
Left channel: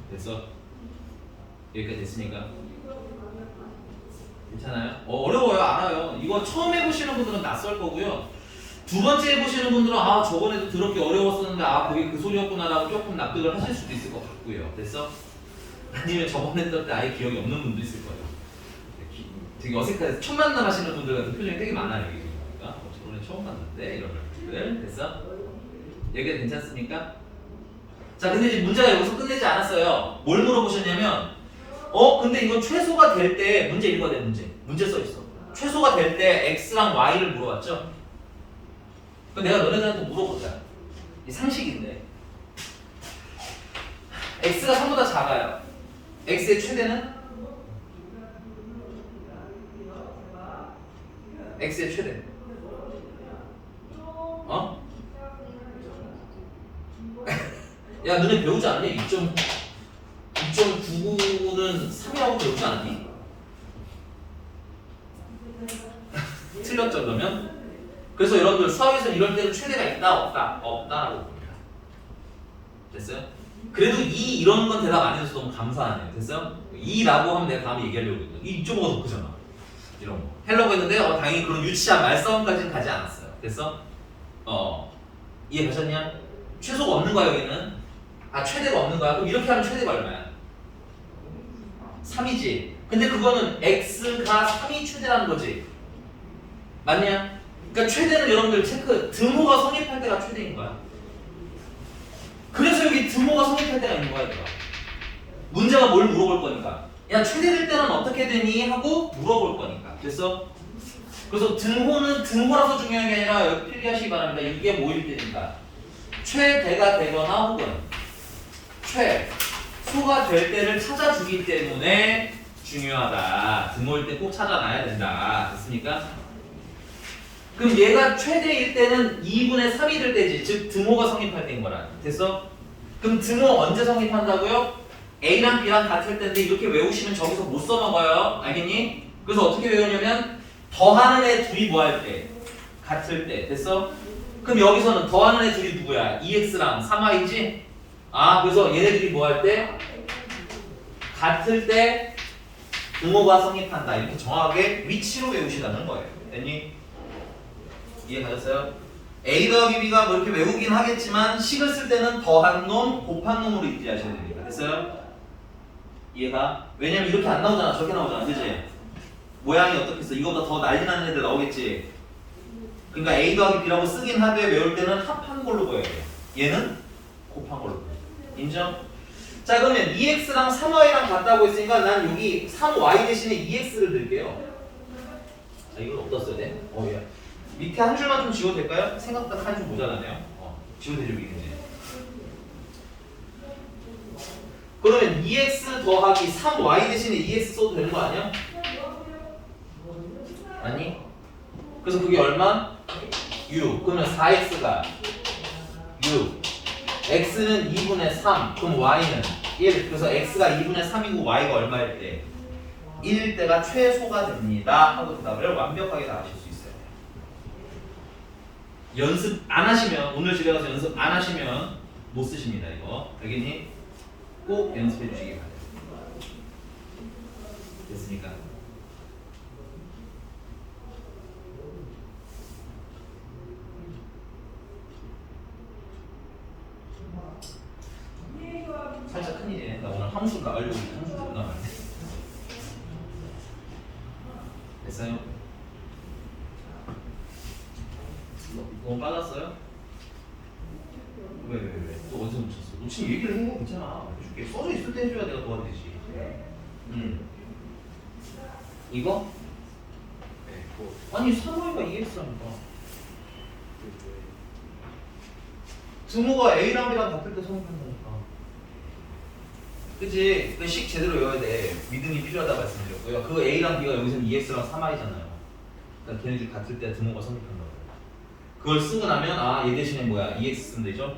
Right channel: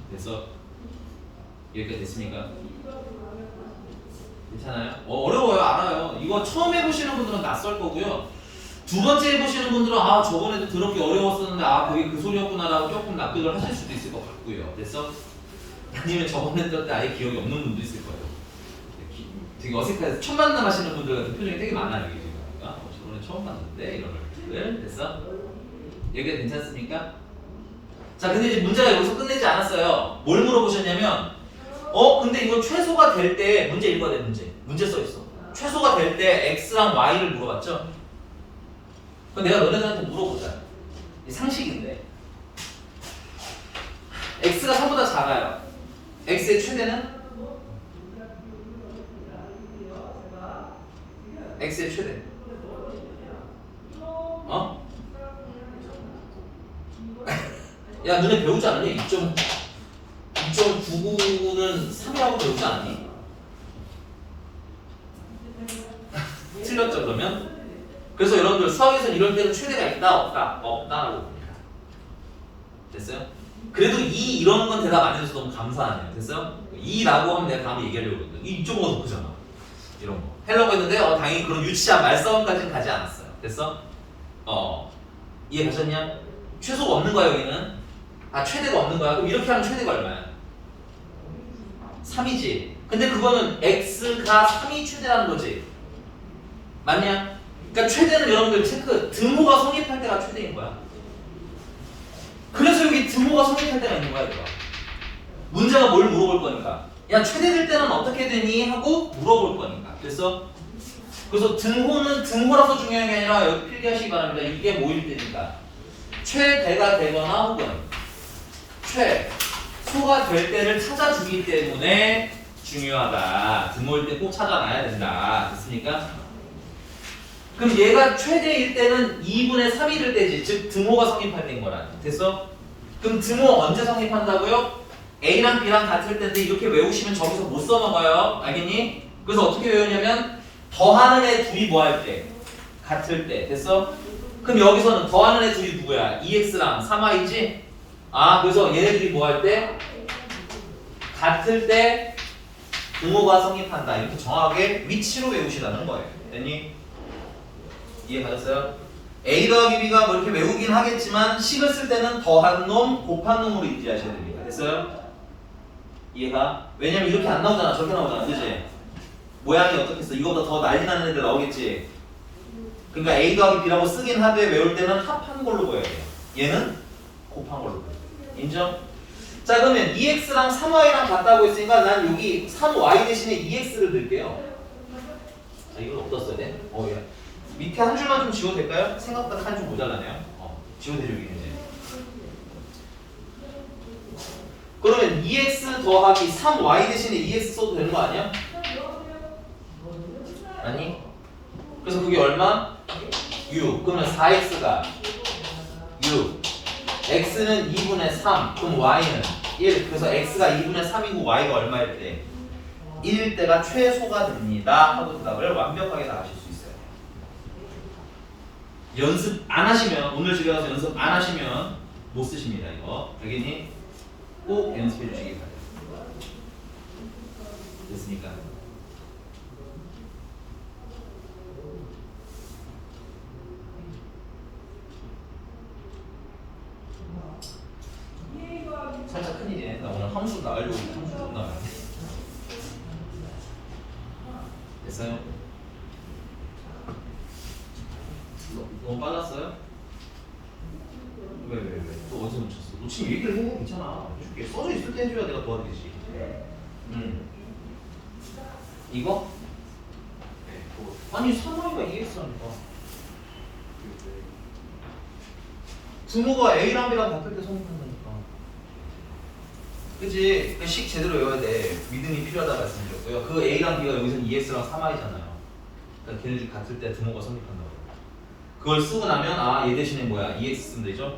그래서 여기까지 됐습니까? 괜찮아요? 어려워요. 알아요. 이거 처음 해보시는 분들은 낯설 거고요. 두 번째 해보시는 분들은 아 저번에도 더럽게 어려웠었는데 아 그게 그 소리였구나라고 조금 납득을 하실 수도 있을 것 같고요. 됐어? 아니면 저번에 들을 때 아예 기억이 없는 분도 있을 거예요. 되게 어색해서 첫 만남 하시는 분들 같은 표정이 되게 많아요. 그러니까 저번에 처음 봤는데 이런 것들 됐어? 여기가 괜찮습니까? 자 근데 이제 문제가 여기서 끝내지 않았어요. 뭘 물어보셨냐면 근데 이거 최소가 될 때 문제 읽어야 돼. 문제 써 있어. 최소가 될 때 x랑 y를 물어봤죠? 그럼 내가 너네들한테 물어보자. 이 상식인데 x가 3보다 작아요. x의 최대는? x의 최대 야 너네 배우지 않았니? 2.99는 3이라고 배우지 않았니? 틀렸죠 그러면? 그래서 여러분들 수학에서는 이럴 때는 최대가 있다 없다? 없다라고 봅니다. 됐어요? 그래도 이런 건 대답 안 해줘서 너무 감사하네요. 됐어요? 2라고 하면 내가 다음에 얘기하려고 했거든. 2.5가 더 크잖아. 이런 거 하려고 했는데 당연히 그런 유치한 말싸움까지는 가지 않았어요. 됐어? 이해가셨냐? 최소가 없는 거야 여기는? 최대가 없는 거야? 그럼 이렇게 하면 최대가 얼마야? 3이지. 근데 그거는 x가 3이 최대라는 거지. 맞냐? 그러니까 최대는 여러분들 체크 등호가 성립할 때가 최대인 거야. 그래서 여기 등호가 성립할 때가 있는 거야. 이거. 문제가 뭘 물어볼 거니까. 야 최대될 때는 어떻게 되니? 하고 물어볼 거니까. 됐어? 그래서 등호는 등호라서 중요한 게 아니라 여기 필기하시기 바랍니다. 이게 뭐일 때니까 최대가 되거나 혹은 최소가 될 때를 찾아주기 때문에 중요하다. 등호일 때 꼭 찾아놔야 된다. 됐습니까? 그럼 얘가 최대일 때는 2분의 3이 될 때지. 즉 등호가 성립할 때인 거라. 됐어? 그럼 등호 언제 성립한다고요? A랑 B랑 같을 때인데 이렇게 외우시면 저기서 못 써먹어요. 알겠니? 그래서 어떻게 외우냐면 더하는 애 둘이 뭐 할 때? 같을 때. 됐어? 그럼 여기서는 더하는 애 둘이 누구야? 2x랑 3y지? 아, 그래서 얘네들이 뭐 할 때? 같을 때 등호가 성립한다. 이렇게 정확하게 위치로 외우시라는 거예요. 됐니? 이해 가셨어요? A 더하기 B가 뭐 이렇게 외우긴 하겠지만 식을 쓸 때는 더한 놈, 곱한 놈으로 입지하셔야 됩니다. 됐어요? 이해가? 왜냐면 이렇게 안 나오잖아. 저렇게 나오잖아. 그치? 모양이 어떻겠어? 이거보다 더 난리 나는 애들 나오겠지? 그러니까 A 더하기 B라고 쓰긴 하되 외울 때는 합한 걸로 보여야 돼. 얘는 곱한 걸로 보여야 돼. 인정? 자, 그러면 2x랑 3y랑 같다고 했으니까 난 여기 3y 대신에 2x를 넣을게요. 아, 이건 어디다 써야 돼? 야. 밑에 한 줄만 좀 지워도 될까요? 생각보다 한 줄 모자라네요. 지워드리고 있는데. 그러면 2x 더하기 3y 대신에 2x 써도 되는 거 아니야? 아니? 그래서 그게 얼마? 6. 그러면 4x가 6. x는 2분의 3. 그럼 y는 1. 그래서 x가 2분의 3이고 y가 얼마일 때? 1일 때가 최소가 됩니다. 하고 대답을 완벽하게 다 하실 수 있어요. 연습 안 하시면, 오늘 집에 가서 연습 안 하시면 못 쓰십니다. 이거. 알겠니? 꼭 연습해 주시기 바랍니다. 됐습니까? 살짝 큰일이네. 나 오늘 함수 나가려고 했는데 함수 못 나가네. 됐어요? 너무 빨랐어요? 왜? 또 어디서 놓쳤어? 놓치면 얘기를 해. 괜찮아. 해줄게. 써져 있을 때 해줘야 내가 도와드리지. 이거? 아니 3y가 2x라니까. 등호가 a랑 b랑 같을 때 성립한다니까. 그치? 그 식 제대로 외워야 돼. 믿음이 필요하다 말씀드렸고요. 그 a랑 b가 여기서는 2x랑 3y잖아요. 그러니까 걔네들이 같을 때 등호가 성립한다고. 그걸 쓰고 나면 얘 대신에 뭐야? 2x 쓰면 되죠?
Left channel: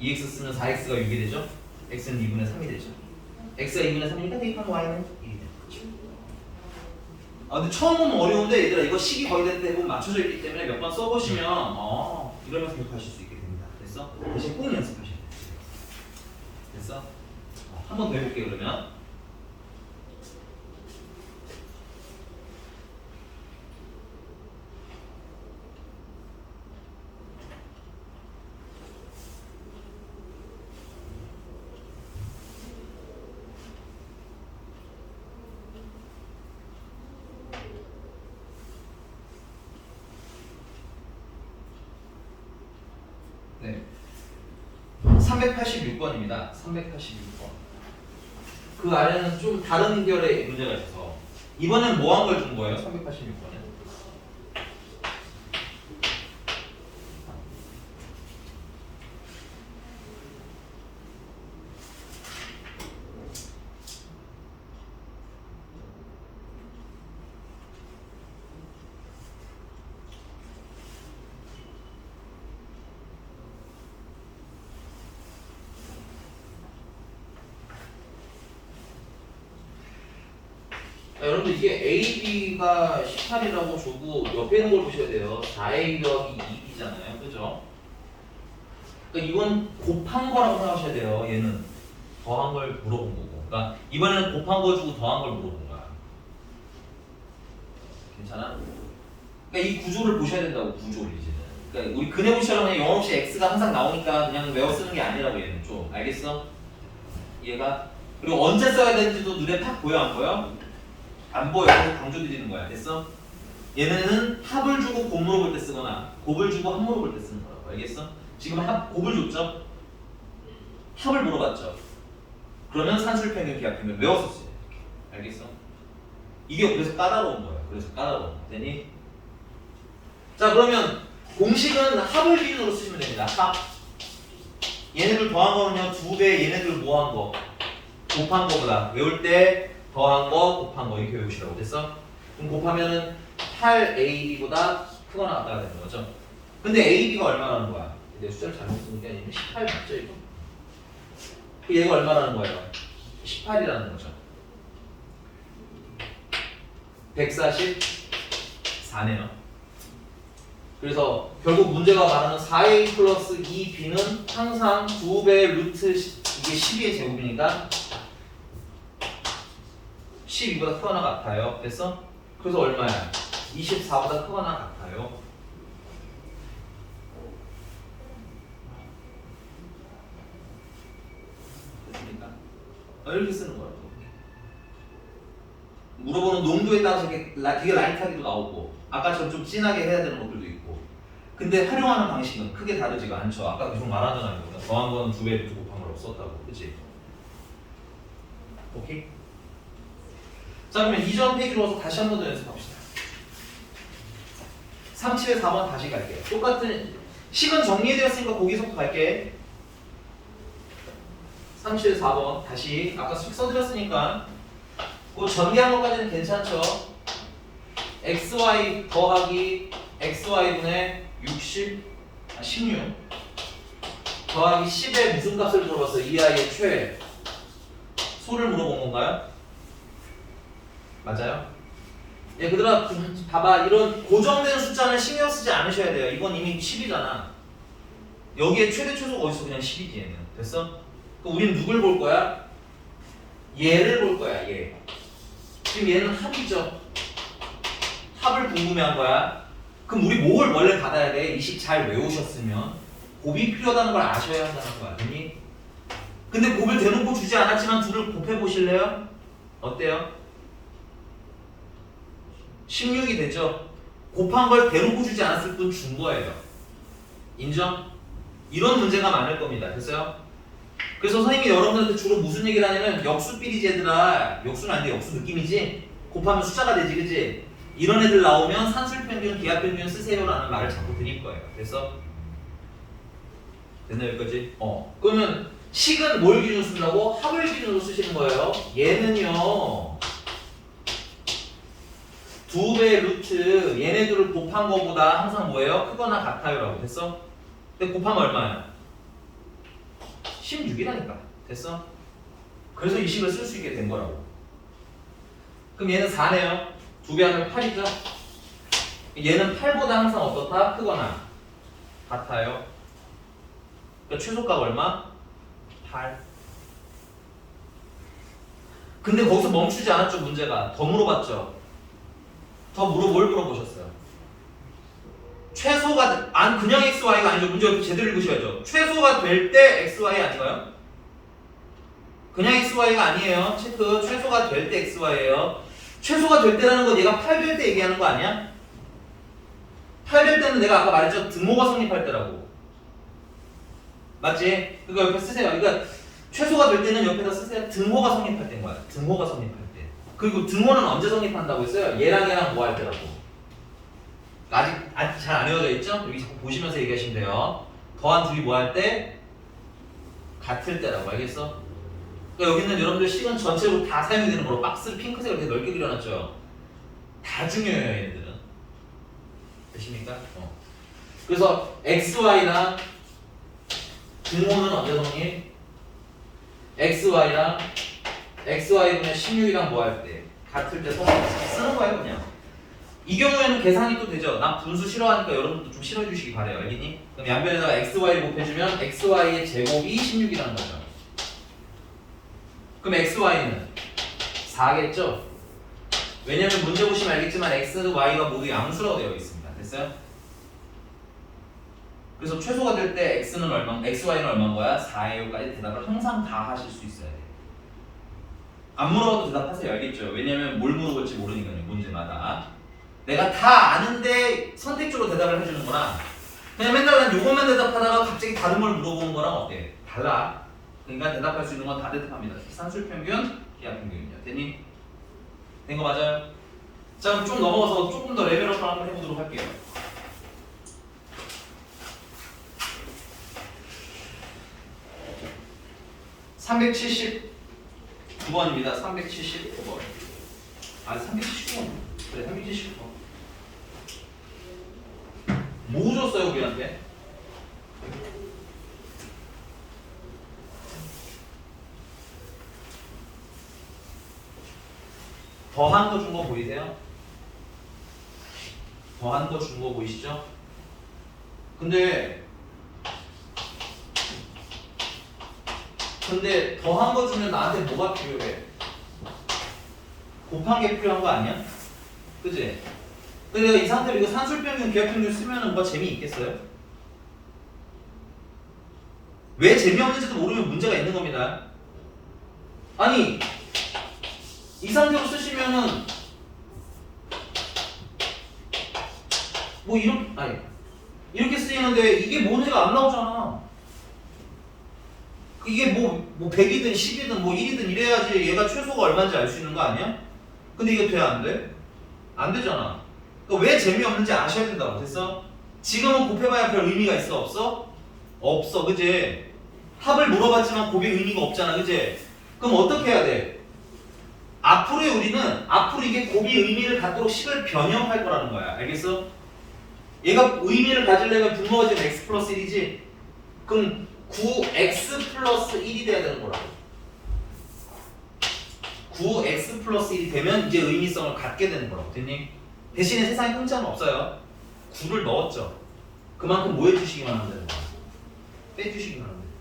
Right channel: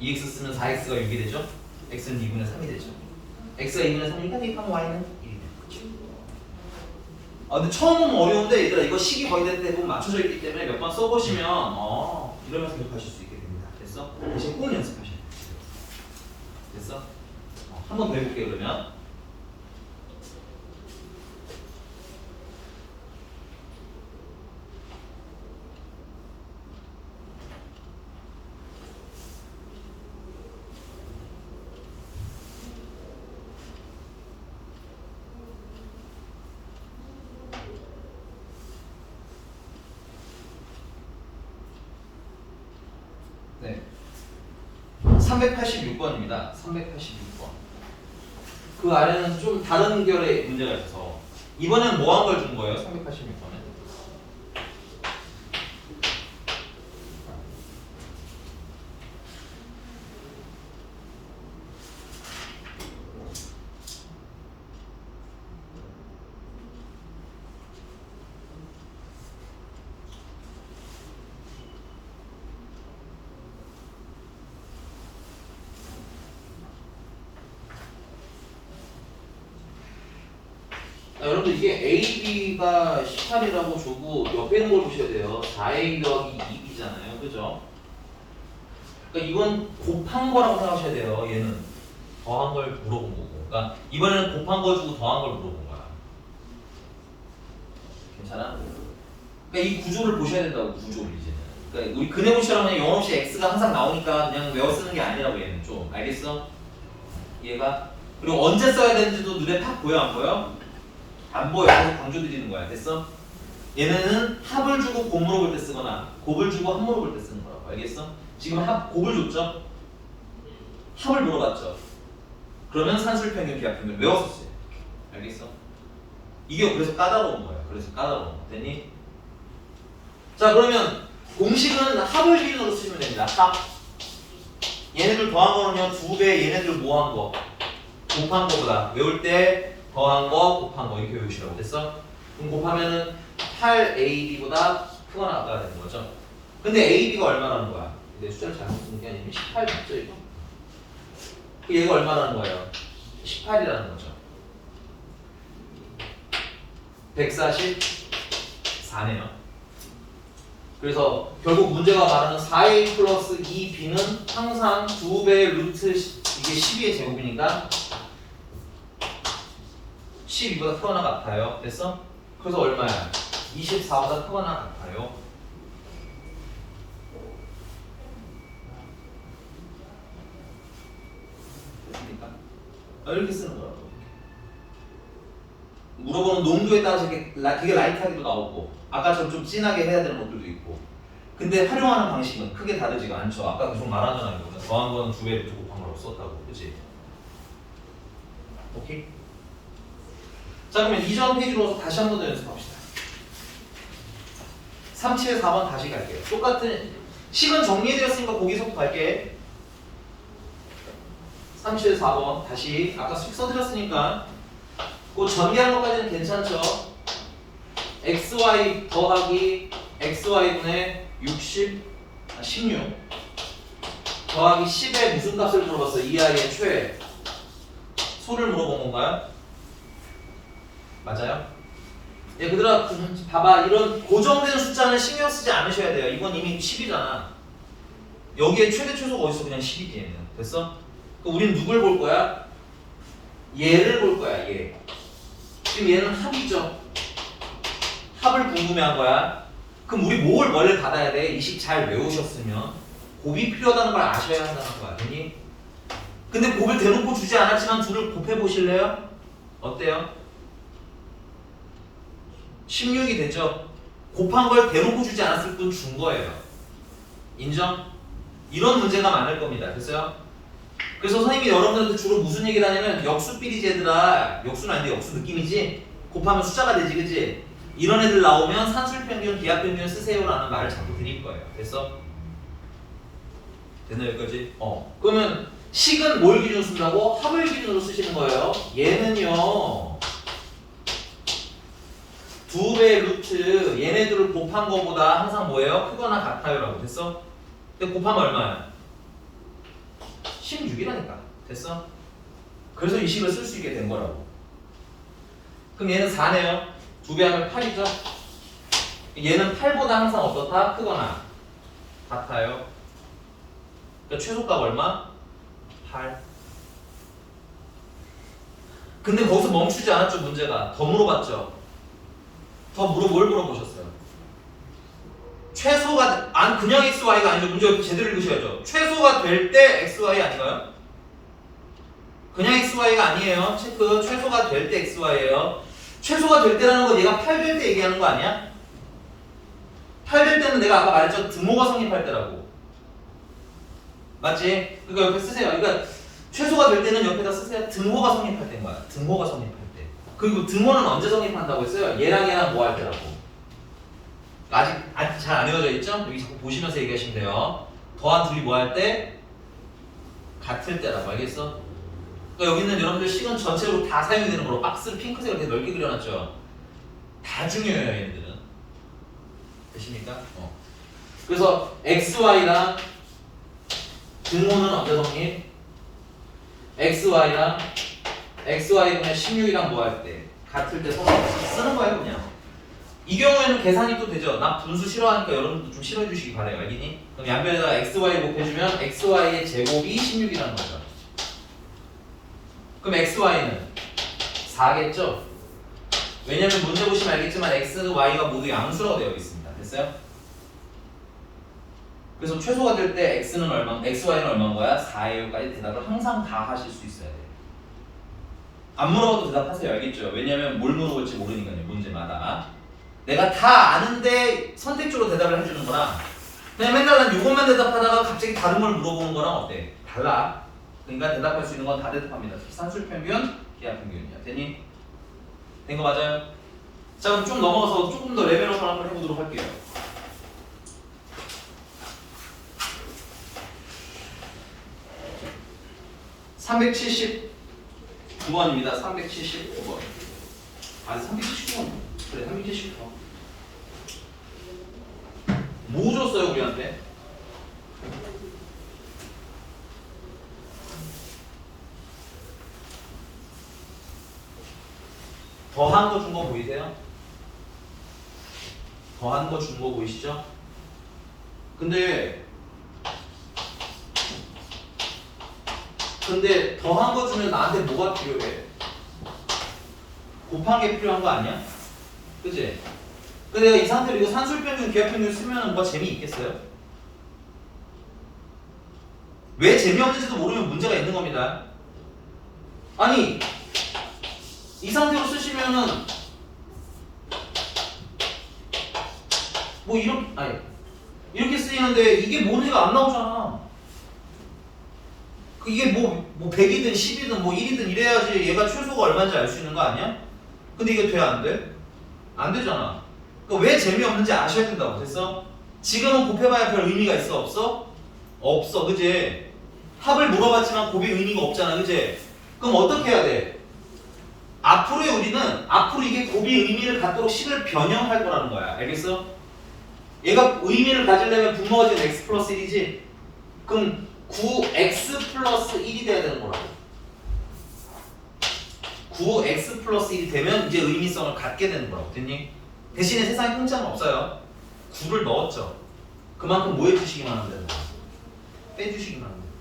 2x 쓰면 4x가 6이 되죠? x는 2분의 3이 되죠? x가 2분의 3이니까 대입하면 y는 1이 되는 거죠. 근데 처음 보면 어려운데 얘들아 이거 식이 거의 대부분 맞춰져 있기 때문에 몇 번 써보시면 이러면서 기억하실 수 있게 됩니다. 됐어? 대신 꼭 연습하셔야 돼요. 됐어? 한 번 더 해볼게요 그러면. 네. 386번입니다. 386번. 그 아래는 좀 다른 결의 문제가 있어서 이번엔 뭐 한 걸 준 거예요? 386번에. 여러분들 이게 AB가 18이라고 주고 옆에 있는 걸 보셔야 돼요. 4A 더하기 2B잖아요. 그죠? 그러니까 이건 곱한 거라고 생각하셔야 돼요. 얘는 더한 걸 물어본 거고. 그러니까 이번에는 곱한 거 주고 더한 걸 물어본 거야. 괜찮아? 그러니까 이 구조를 보셔야 된다고, 구조를 이제는. 그러니까 우리 근해분처럼 그냥 영어 없이 X가 항상 나오니까 그냥 외워 쓰는 게 아니라고 얘는 좀. 알겠어? 얘가? 그리고 언제 써야 되는지도 눈에 팍 보여 안 보여? 안 보여. 그래서 강조드리는 거야. 됐어? 얘네는 합을 주고 곱 물어볼 때 쓰거나 곱을 주고 합 물어볼 때 쓰는 거라고. 알겠어? 지금 곱을 줬죠? 합을 물어봤죠? 그러면 산술평균, 기하평균 외웠었어요. 알겠어? 이게 그래서 까다로운 거야. 그래서 까다로운 거. 되니? 자, 그러면 공식은 합을 기준으로 쓰시면 됩니다. 합. 얘네들 더한 거는요, 2배, 얘네들 뭐 한 거? 곱한 거보다. 외울 때 더한 거, 곱한 거 이렇게 외우시라고. 됐어? 그럼 곱하면은 8AB보다 크거나 같다가 되는 거죠. 근데 AB가 얼마라는 거야? 내 숫자를 잘못 쓴 게 아니면 18 맞죠 이거? 얘가 얼마라는 거예요? 18이라는 거죠. 144네요. 그래서 결국 문제가 말하는 4a 플러스 2b는 항상 2배 루트 이게 12의 제곱이니까 12보다 크거나 같아요. 됐어? 그래서 얼마야? 24보다 크거나 같아요. 됐습니까? 이렇게 쓰는 거야. 물어보는 농도에 따라서 되게 라이트하게도 나오고 아까처럼 좀 진하게 해야 되는 것들도 있고 근데 활용하는 방식은 크게 다르지가 않죠. 아까 계속 말하잖아요. 더한 거는 2배 루트 곱한 걸 썼다고. 그치? 오케이? 자 그러면 이전 페이지로 와서 다시 한 번 더 연습합시다. 37, 4번 다시 갈게요. 똑같은 식은 정리되었으니까 거기서부터 갈게. 37, 4번 다시 아까 식 써드렸으니까 그 전개한 것까지는 괜찮죠? xy 더하기 xy분의 16 더하기 10의 무슨 값을 물어봤어요? 이 아이의 최 소를 물어본 건가요? 맞아요? 예, 그들아 봐봐 이런 고정된 숫자는 신경 쓰지 않으셔야 돼요. 이건 이미 10이잖아. 여기에 최대 최소가 어디서 그냥 10이지 얘는. 됐어? 그럼 우린 누굴 볼 거야? 얘를 볼 거야 얘. 지금 얘는 합이죠. 합을 궁금해한 거야. 그럼 우리 뭘 원래 받아야 돼? 이 식 잘 외우셨으면 곱이 필요하다는 걸 아셔야 한다는 거 아니니? 근데 곱을 대놓고 주지 않았지만 둘을 곱해 보실래요? 어때요? 16이 되죠? 곱한 걸 대놓고 주지 않았을 뿐 준 거예요. 인정? 이런 문제가 많을 겁니다. 됐어요? 그래서 선생님이 여러분들한테 주로 무슨 얘기를 하냐면 역수 비리지 얘들아 역수는 아닌데 역수 느낌이지? 곱하면 숫자가 되지 그치? 이런 애들 나오면 산술평균, 기하평균 쓰세요라는 말을 자꾸 드릴 거예요. 그래서 됐나 여기까지? 그러면 식은 뭘 기준으로 쓴다고? 합을 기준으로 쓰시는 거예요. 얘는요 2배 루트 얘네들을 곱한 거보다 항상 뭐예요? 크거나 같아요 라고 됐어? 근데 곱하면 얼마야? 16이라니까 됐어? 그래서 이 식을 쓸 수 있게 된 거라고. 그럼 얘는 4네요 2배 하면 8이죠? 얘는 8보다 항상 어떻다? 크거나 같아요. 그러니까 최소값 얼마? 8. 근데 거기서 멈추지 않았죠 문제가. 더 물어봤죠? 뭘 물어보셨어요? 최소가 그냥 xy가 아니죠. 문제 제대로 읽으셔야죠. 최소가 될 때 xy 아닌가요? 그냥 xy가 아니에요. 체크. 최소가 될 때 xy예요. 최소가 될 때라는 건 얘가 8 될 때 얘기하는 거 아니야? 8 될 때는 내가 아까 말했죠. 등호가 성립할 때라고. 맞지? 그러니까 옆에 쓰세요. 그러니까 최소가 될 때는 옆에다 쓰세요. 등호가 성립할 때인 거야. 등호가 성립할 때. 그리고 등호는 언제 성립한다고 했어요? 얘랑 뭐 할 때라고. 아직 잘 안 외워져 있죠? 여기 자꾸 보시면서 얘기하시면 돼요. 더한 둘이 뭐 할 때? 같을 때라고. 알겠어? 그러니까 여기는 여러분들 시간 전체로 다 사용이 되는 거로 박스를 핑크색으로 되게 넓게 그려놨죠. 다 중요해요 얘네들은. 되십니까? 그래서 XY랑 등호는 언제 성립? XY랑 XY분의 16이랑 뭐 할 때? 같을 때 쓰는 거예요 그냥. 이 경우에는 계산이 또 되죠. 난 분수 싫어하니까 여러분도 좀 싫어해 주시기 바래요. 알겠니? 그럼 양변에다가 XY 곱해주면 XY의 제곱이 16이라는 거죠. 그럼 XY는 4겠죠? 왜냐면 문제 보시면 알겠지만 X, Y가 모두 양수라고 되어 있습니다. 됐어요? 그래서 최소가 될 때 X는 얼마, XY는 얼마인 거야? 4예요까지 대답을 항상 다 하실 수 있어야 돼요. 안 물어봐도 대답하세요. 알겠죠? 왜냐면 뭘 물어볼지 모르니까요. 문제마다. 내가 다 아는데 선택적으로 대답을 해주는 거랑 그냥 맨날 난 요것만 대답하다가 갑자기 다른 걸 물어보는 거랑 어때? 달라. 그러니까 대답할 수 있는 건 다 대답합니다. 산술평균, 기하평균이요. 됐니? 된 거 맞아요? 자 그럼 쭉 넘어가서 조금 더 레벨업 하는 걸 해보도록 할게요. (379번입니다) 379번. 아 379번. 그래 379번. 뭐 줬어요 우리한테? 더한 거 준 거 보이세요? 더한 거 준 거 보이시죠? 근데 더한 거 주면 나한테 뭐가 필요해? 곱한 게 필요한 거 아니야? 그치? 근데 내가 이 상태로 이거 산술평균, 기하평균 쓰면은 뭐가 재미있겠어요? 왜 재미없는지도 모르면 문제가 있는 겁니다. 아니 이 상태로 쓰시면은 뭐 이렇게 쓰이는데 이게 뭔지가 안 나오잖아. 이게 뭐 100이든 10이든 뭐 1이든 이래야지 얘가 최소가 얼마인지 알 수 있는 거 아니야? 근데 이게 돼? 안 돼? 안 되잖아. 그러니까 왜 재미없는지 아셔야 된다고. 됐어? 지금은 곱해봐야 별 의미가 있어? 없어? 없어. 그지? 합을 물어봤지만 곱이 의미가 없잖아. 그지? 그럼 어떻게 해야 돼? 앞으로 이게 곱이 의미를 갖도록 식을 변형할 거라는 거야. 알겠어? 얘가 의미를 가지려면 분모가 지금 x 플러스 1이지? 그럼 9x 플러스 1이 돼야 되는 거라고. 9x 플러스 1이 되면 이제 의미성을 갖게 되는 거라고. 됐니? 대신에 세상에 공짜는 없어요. 9를 넣었죠. 그만큼 뭐 해주시기만 하면 되는 거야. 빼주시기만 하면 돼요.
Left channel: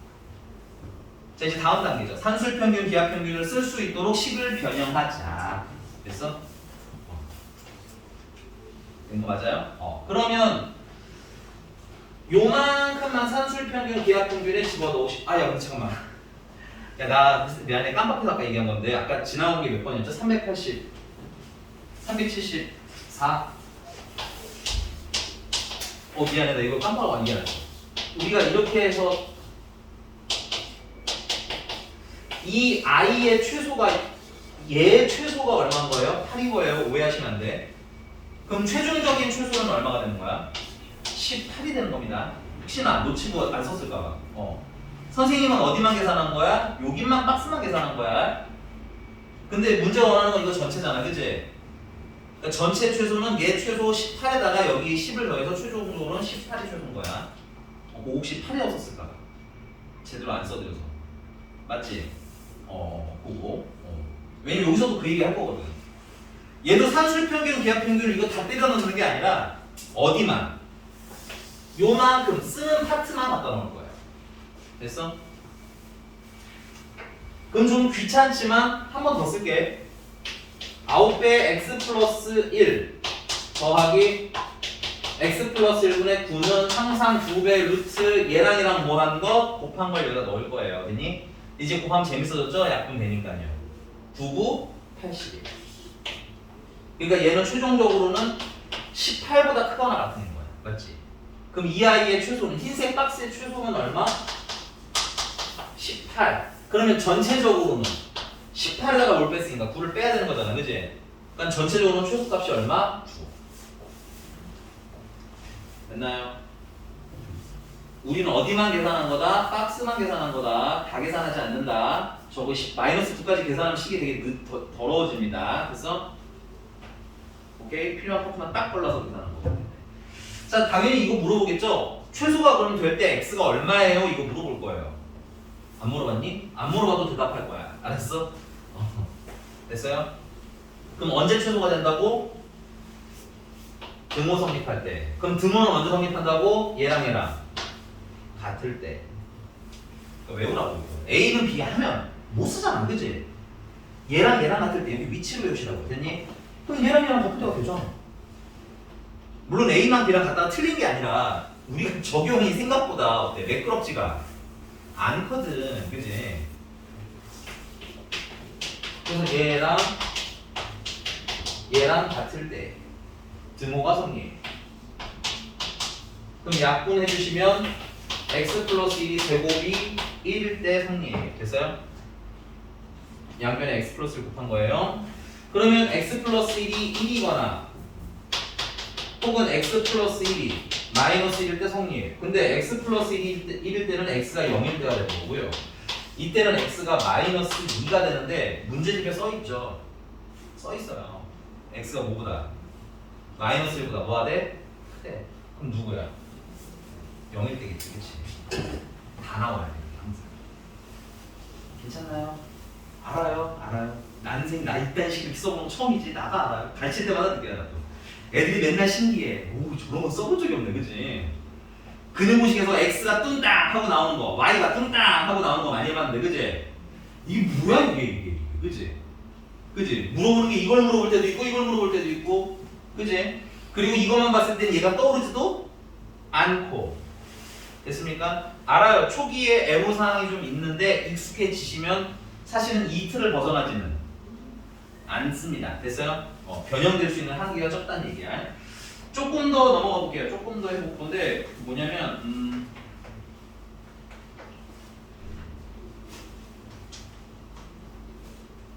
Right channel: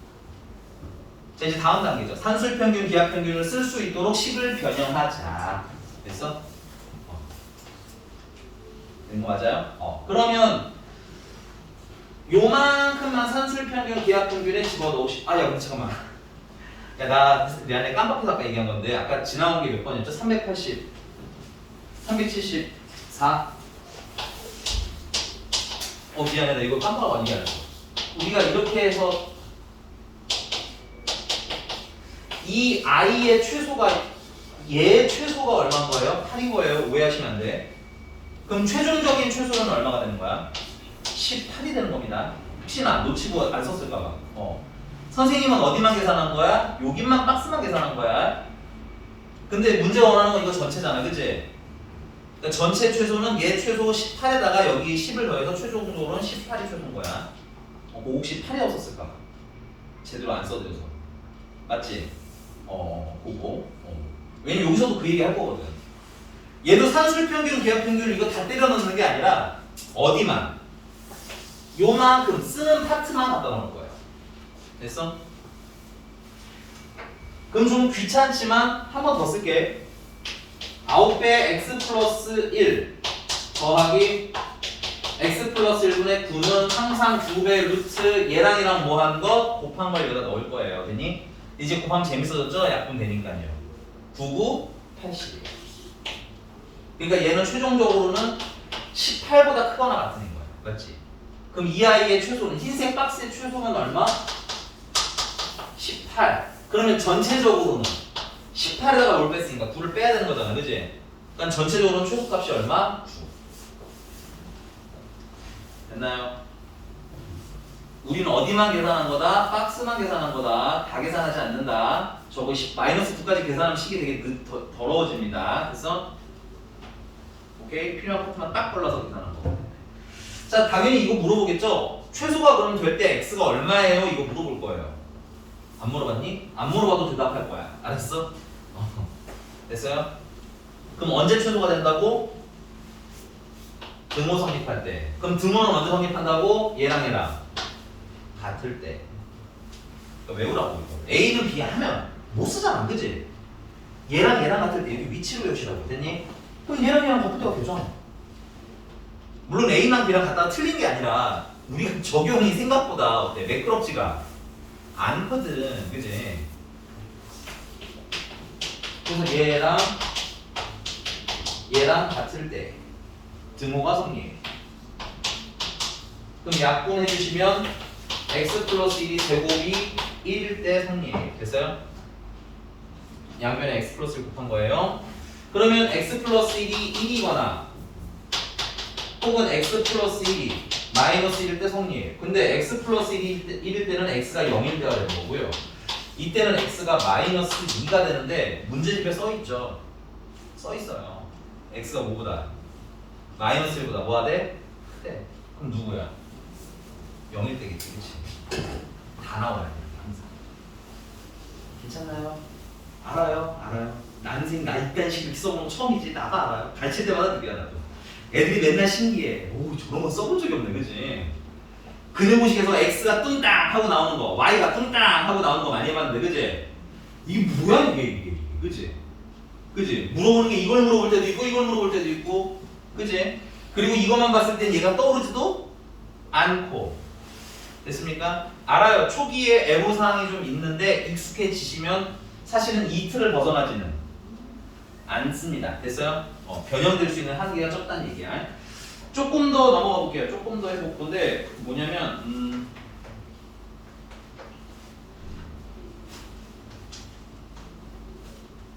자, 이제 다음 단계죠. 산술평균, 기하평균을 쓸 수 있도록 식을 변형하자. 됐어? 된 거 맞아요? 그러면 요만큼만 산술평균, 기하평균에 집어넣으시. 야, 근데 잠깐만. 야, 나 미안해. 깜빡해서 아까 얘기한 건데 아까 지나온 게 몇 번이었죠? 380, 374. 미안해. 나 이거 깜빡하고 얘기하자. 우리가 이렇게 해서 이 i의 최소가 얘의 최소가 얼마인 거예요? 8인 거예요. 오해하시면 안 돼. 그럼 최종적인 최소는 얼마가 되는 거야? 18이 되는 겁니다. 혹시나 놓치고 안 썼을까봐. 선생님은 어디만 계산한 거야? 여기만 박스만 계산한 거야. 근데 문제 원하는 건 이거 전체잖아. 그치? 그러니까 전체 최소는 얘 최소 18에다가 여기 10을 더해서 최종적으로는 18이 최소인 거야. 혹시 8이라고 썼을까봐. 제대로 안 써드려서. 맞지? 그거. 왜냐면 여기서도 그 얘기 할 거거든. 얘도 산술평균, 기하평균 이거 다 때려 넣는 게 아니라 어디만 요만큼 쓰는 파트만 갖다 놓을 거예요. 됐어? 그럼 좀 귀찮지만 한 번 더 쓸게. 9배 x 플러스 1 더하기 x 플러스 1분의 9는 항상 2배 루트 얘랑 뭐 한 거? 곱한 걸 여기다 넣을 거예요. 됐니? 이제 곱하면 재밌어졌죠? 약분 되니까요. 99, 80. 그러니까 얘는 최종적으로는 18보다 크거나 같은 거야. 맞지? 그럼 이 아이의 최소는 흰색 박스의 최소는 얼마? 18. 그러면 전체적으로는 18에다가 뭘 뺐으니까 9를 빼야 되는 거잖아. 그지? 그러니까 전체적으로는 최소값이 얼마? 9. 됐나요? 우리는 어디만 계산한 거다? 박스만 계산한 거다. 다 계산하지 않는다. 저거 마이너스 9까지 계산하면 식이 되게 더러워집니다. 그래서 오케이? 필요한 파트만 딱 골라서 계산하는 거. 자, 당연히 이거 물어보겠죠? 최소가 그러면 될 때 x가 얼마예요? 이거 물어볼 거예요. 안 물어봤니? 안 물어봐도 대답할 거야. 알았어? 됐어요? 그럼 언제 최소가 된다고? 등호 성립할 때. 그럼 등호는 언제 성립한다고? 얘랑 같을 때. 그러니까 외우라고 이거. A는 B 하면 못 쓰잖아. 그지? 얘랑 같을 때 여기 위치를 외우시라고. 됐니? 그럼 얘랑 같을 때가 되잖아. 물론 A랑 B랑 갖다가 틀린 게 아니라 우리가 적용이 생각보다 어때? 매끄럽지가 않거든. 그지? 그래서 얘랑 같을 때 등호가 성립. 그럼 약분해 주시면 x 플러스 1이 제곱이 1일 때 성립. 됐어요? 양변에 x 플러스 1 곱한 거예요. 그러면 x 플러스 1이 1이거나 혹은 x 플러스 1이 마이너스 1일 때 성립. 근데 x 플러스 1일 때는 x가 0일 때가 되는 거고요. 이때는 x가 마이너스 2가 되는데 문제집에 써있죠. 써있어요. x가 뭐보다? 마이너스 1보다 뭐가 돼? 크대. 그럼 누구야? 0일 때겠지. 그치? 다 나와야 돼. 항상. 괜찮나요? 알아요. 나 이딴 식으로 써보는 거 처음이지. 나가 알아요. 가르칠 때마다 느껴요. 나도. 애들이 맨날 신기해. 오, 저런 거 써본 적이 없네, 그치? 그네모식에서 x가 뚱땅 하고 나오는 거, y가 뚱땅 하고 나오는 거 많이 해봤는데, 그치? 이게 뭐야, 이게, 그치? 그치? 물어보는 게 이걸 물어볼 때도 있고, 이걸 물어볼 때도 있고, 그치? 그리고 이것만 봤을 땐 얘가 떠오르지도 않고. 됐습니까? 알아요. 초기에 애로사항이 좀 있는데 익숙해지시면 사실은 이 틀을 벗어나지는 않습니다. 됐어요? 변형될 수 있는 한계가 적다는 얘기야. 조금 더 넘어가 볼게요. 조금 더 해볼 건데 뭐냐면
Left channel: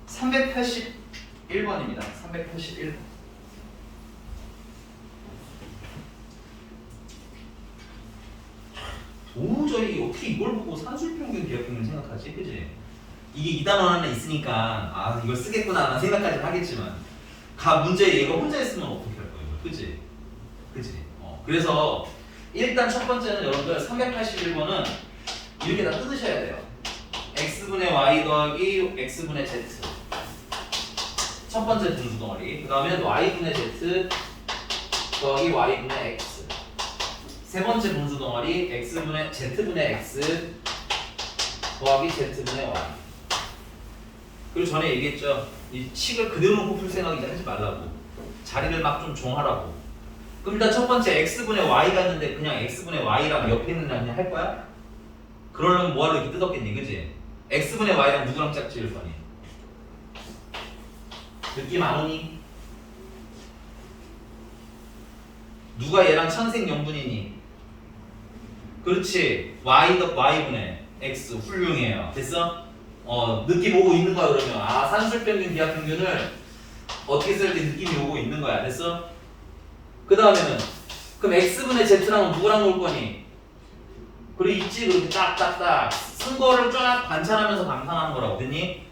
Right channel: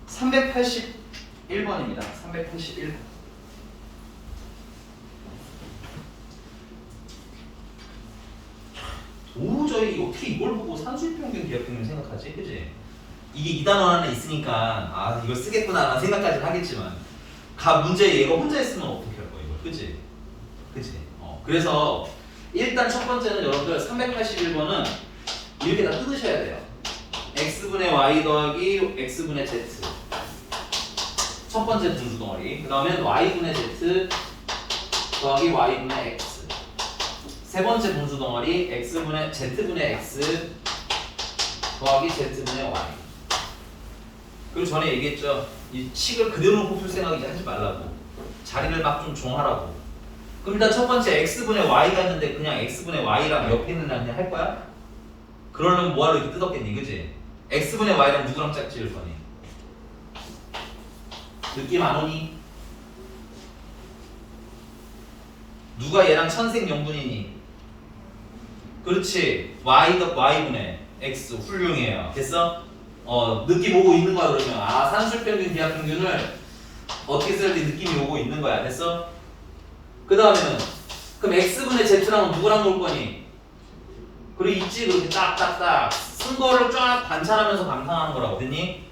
381번입니다. 381번. 도저히 어떻게 이걸 보고 산술평균 기하평균 생각하지? 그지? 이게 이 단어 하나 있으니까 아 이걸 쓰겠구나 라는 생각까지 하겠지만 문제 얘가 혼자 했으면 어떻게 할 거야 이걸? 그지? 그지? 그래서 일단 첫 번째는 여러분들 381번은 이렇게 다 뜯으셔야 돼요. x분의 y 더하기 x분의 z 첫 번째 분수 덩어리. 그 다음에 y분의 z 더하기 y분의 x 세 번째 분수 덩어리 x분의 z분의 x 더하기 z분의 y. 그리고 전에 얘기했죠. 이 식을 그대로 놓고 풀 생각 이제 하지 말라고. 자리를 막 좀 정하라고. 그럼 일단 첫 번째 x분의 y가 있는데 그냥 x분의 y랑 옆에 있는 날 그냥 할 거야? 그러려면 뭐하러 이렇게 뜯었겠니, 그지? x분의 y랑 누구랑 짝지을 거니? 느낌 안 오니? 누가 얘랑 천생연분이니? 그렇지. y분의 x 훌륭해요. 됐어? 느낌 오고 있는 거야 그러면. 아 산술평균 기하평균을 어떻게 쓸지 느낌이 오고 있는 거야. 됐어? 그 다음에는 그럼 x분의 z랑 누구랑 놀 거니? 그래 있지. 그렇게 딱딱딱 쓴 거를 쫙 관찰하면서 감상하는 거라고. 됐니?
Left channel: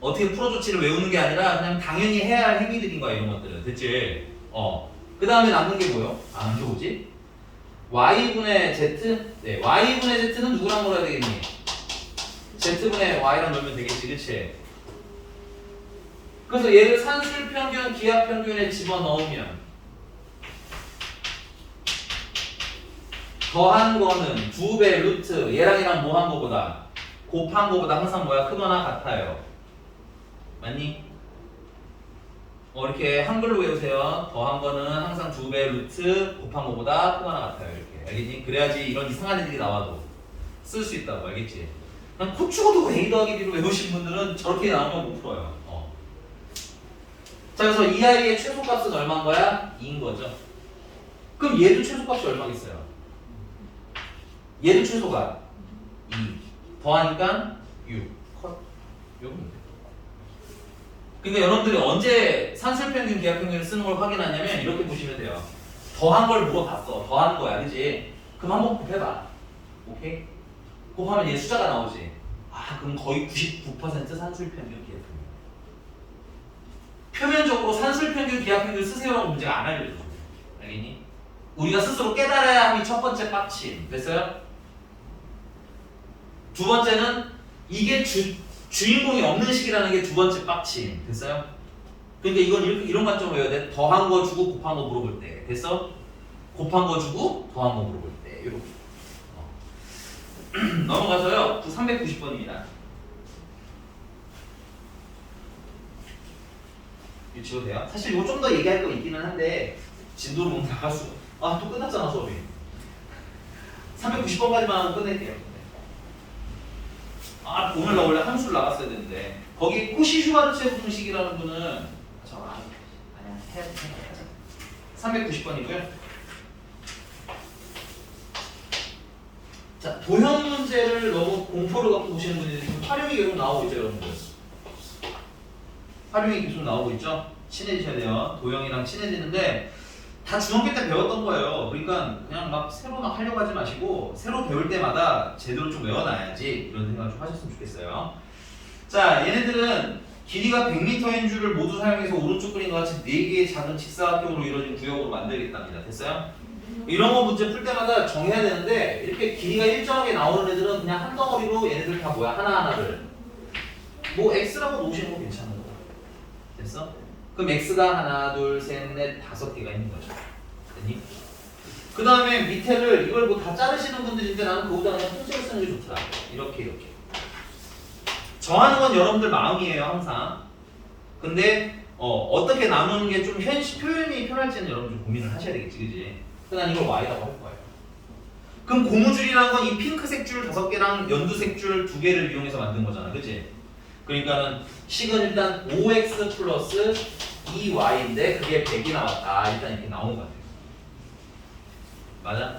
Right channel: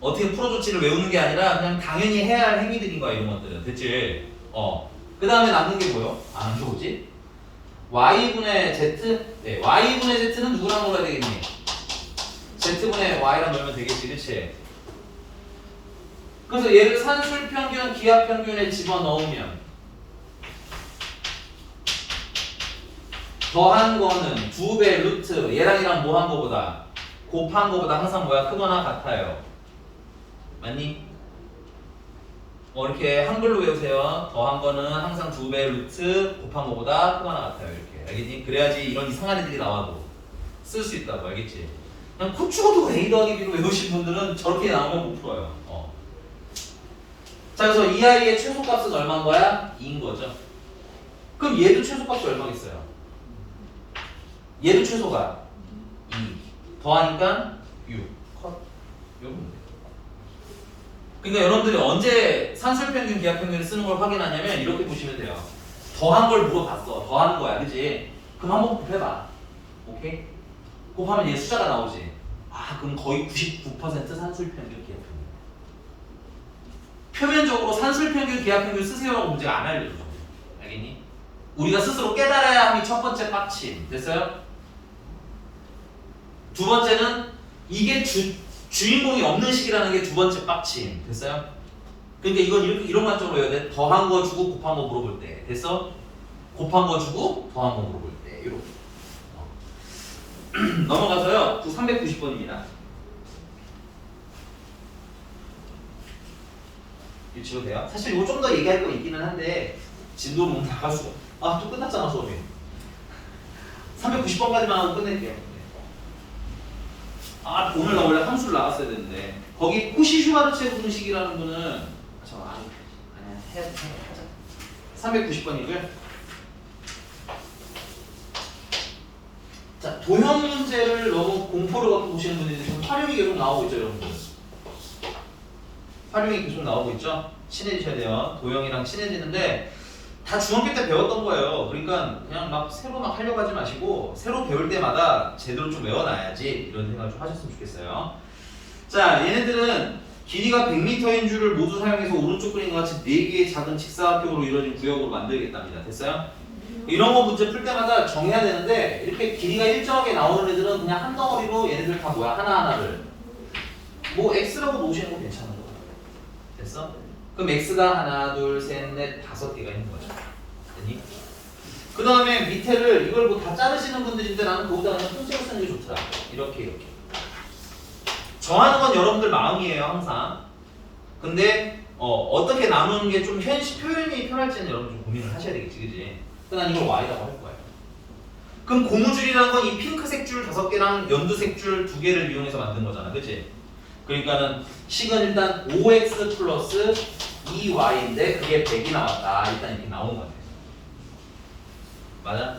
어떻게 풀어 조치를 외우는 게 아니라 그냥 당연히 해야 할 행위들인 거야 이런 것들은. 됐지? 그 다음에 남는 게 뭐요? 안 좋지? y분의 z? 네, y분의 z는 누구랑 놀아야 되겠니? z분의 y랑 놀면 되겠지, 그치? 그래서 얘를 산술평균, 기하평균에 집어넣으면 더한 거는 2배 루트 얘랑 뭐 한 거보다 곱한 거보다 항상 뭐야? 크거나 같아요. 맞니? 이렇게 한글로 외우세요. 더한 거는 항상 2배 루트 곱한 거보다 크거나 같아요. 이렇게 알겠니? 그래야지 이런 이상한 애들이 나와도 쓸 수 있다고. 알겠지? 그냥 코 죽어도 A 더하기 B로 외우신 분들은 저렇게 나오면 못 풀어요. 자, 그래서 이 아이의 최소값은 얼마인 거야? 2인 거죠. 그럼 얘도 최소값이 얼마겠어요? 얘도 최소가 2 더하니까 6 컷. 요건 돼. 그러니까 여러분들이 언제 산술평균 기하평균을 쓰는 걸 확인하냐면 이렇게 보시면 돼요. 더한 걸 물어봤어. 더하는 거야. 그지? 그럼 한번 곱해봐. 오케이? 곱하면 얘 숫자가 나오지. 아 그럼 거의 99% 산술평균 기하평균. 표면적으로 산술평균 기하평균 쓰세요라고 문제가 안 알려줘. 알겠니? 우리가 스스로 깨달아야 함이 첫 번째 빡침. 됐어요? 두 번째는 이게 주인공이 없는 식이라는 게 두 번째 빡침. 됐어요? 그러니까 이건 이런 관점으로 해야 돼. 더한 거 주고 곱한 거 물어볼 때. 됐어? 곱한 거 주고 더한 거 물어볼 때. 이렇게. 넘어가서요. 390번입니다. 이거 지워도 돼요? 사실 이거 좀 더 얘기할 거 있기는 한데 진도를 너무 나갈 수가. 아, 또 끝났잖아 수업이. 390번까지만 끝낼게요. 아, 오늘 나 원래 함수를 나갔어야 되는데 거기 코시-슈바르체 공식이라는 분은 390번이고요. 자, 도형 문제를 너무 공포를 갖고 보시는 분들이 지금 활용이 계속 나오고 있죠, 여러분들. 활용이 계속 나오고 있죠. 친해지셔야 돼요. 도형이랑 친해지는데 다 중학교 때 배웠던 거예요. 그러니까 그냥 막 새로 막 하려고 하지 마시고 새로 배울 때마다 제대로 좀 외워놔야지 이런 생각 좀 하셨으면 좋겠어요. 자, 얘네들은 길이가 100m인 줄을 모두 사용해서 오른쪽 그림과 같이 4개의 작은 직사각형으로 이루어진 구역으로 만들겠답니다. 됐어요? 이런 거 문제 풀 때마다 정해야 되는데 이렇게 길이가 일정하게 나오는 애들은 그냥 한 덩어리로 얘네들 다 뭐야? 하나하나를 뭐 X라고 놓으시는 거 괜찮은 거 같아요. 됐어? 그럼 x가 하나, 둘, 셋, 넷, 5개가 있는 거죠. 됐니? 그 다음에 밑에를 이걸 뭐 다 자르시는 분들인데 나는 그거보다 그냥 통째로 쓰는 게 좋더라. 이렇게. 정하는 건 여러분들 마음이에요, 항상. 근데 어떻게 나누는 게 좀 현실 표현이 편할지는 여러분 좀 고민을 하셔야 되겠지, 그지? 난 이걸 y라고 할 거예요. 그럼 고무줄이라는 건 이 핑크색 줄 5개랑 연두색 줄 2개를 이용해서 만든 거잖아, 그치? 그러니까는 식은 일단 5x 플러스 2y인데 그게 100이 나왔다. 일단 이렇게 나오는 거 같아요. 맞아?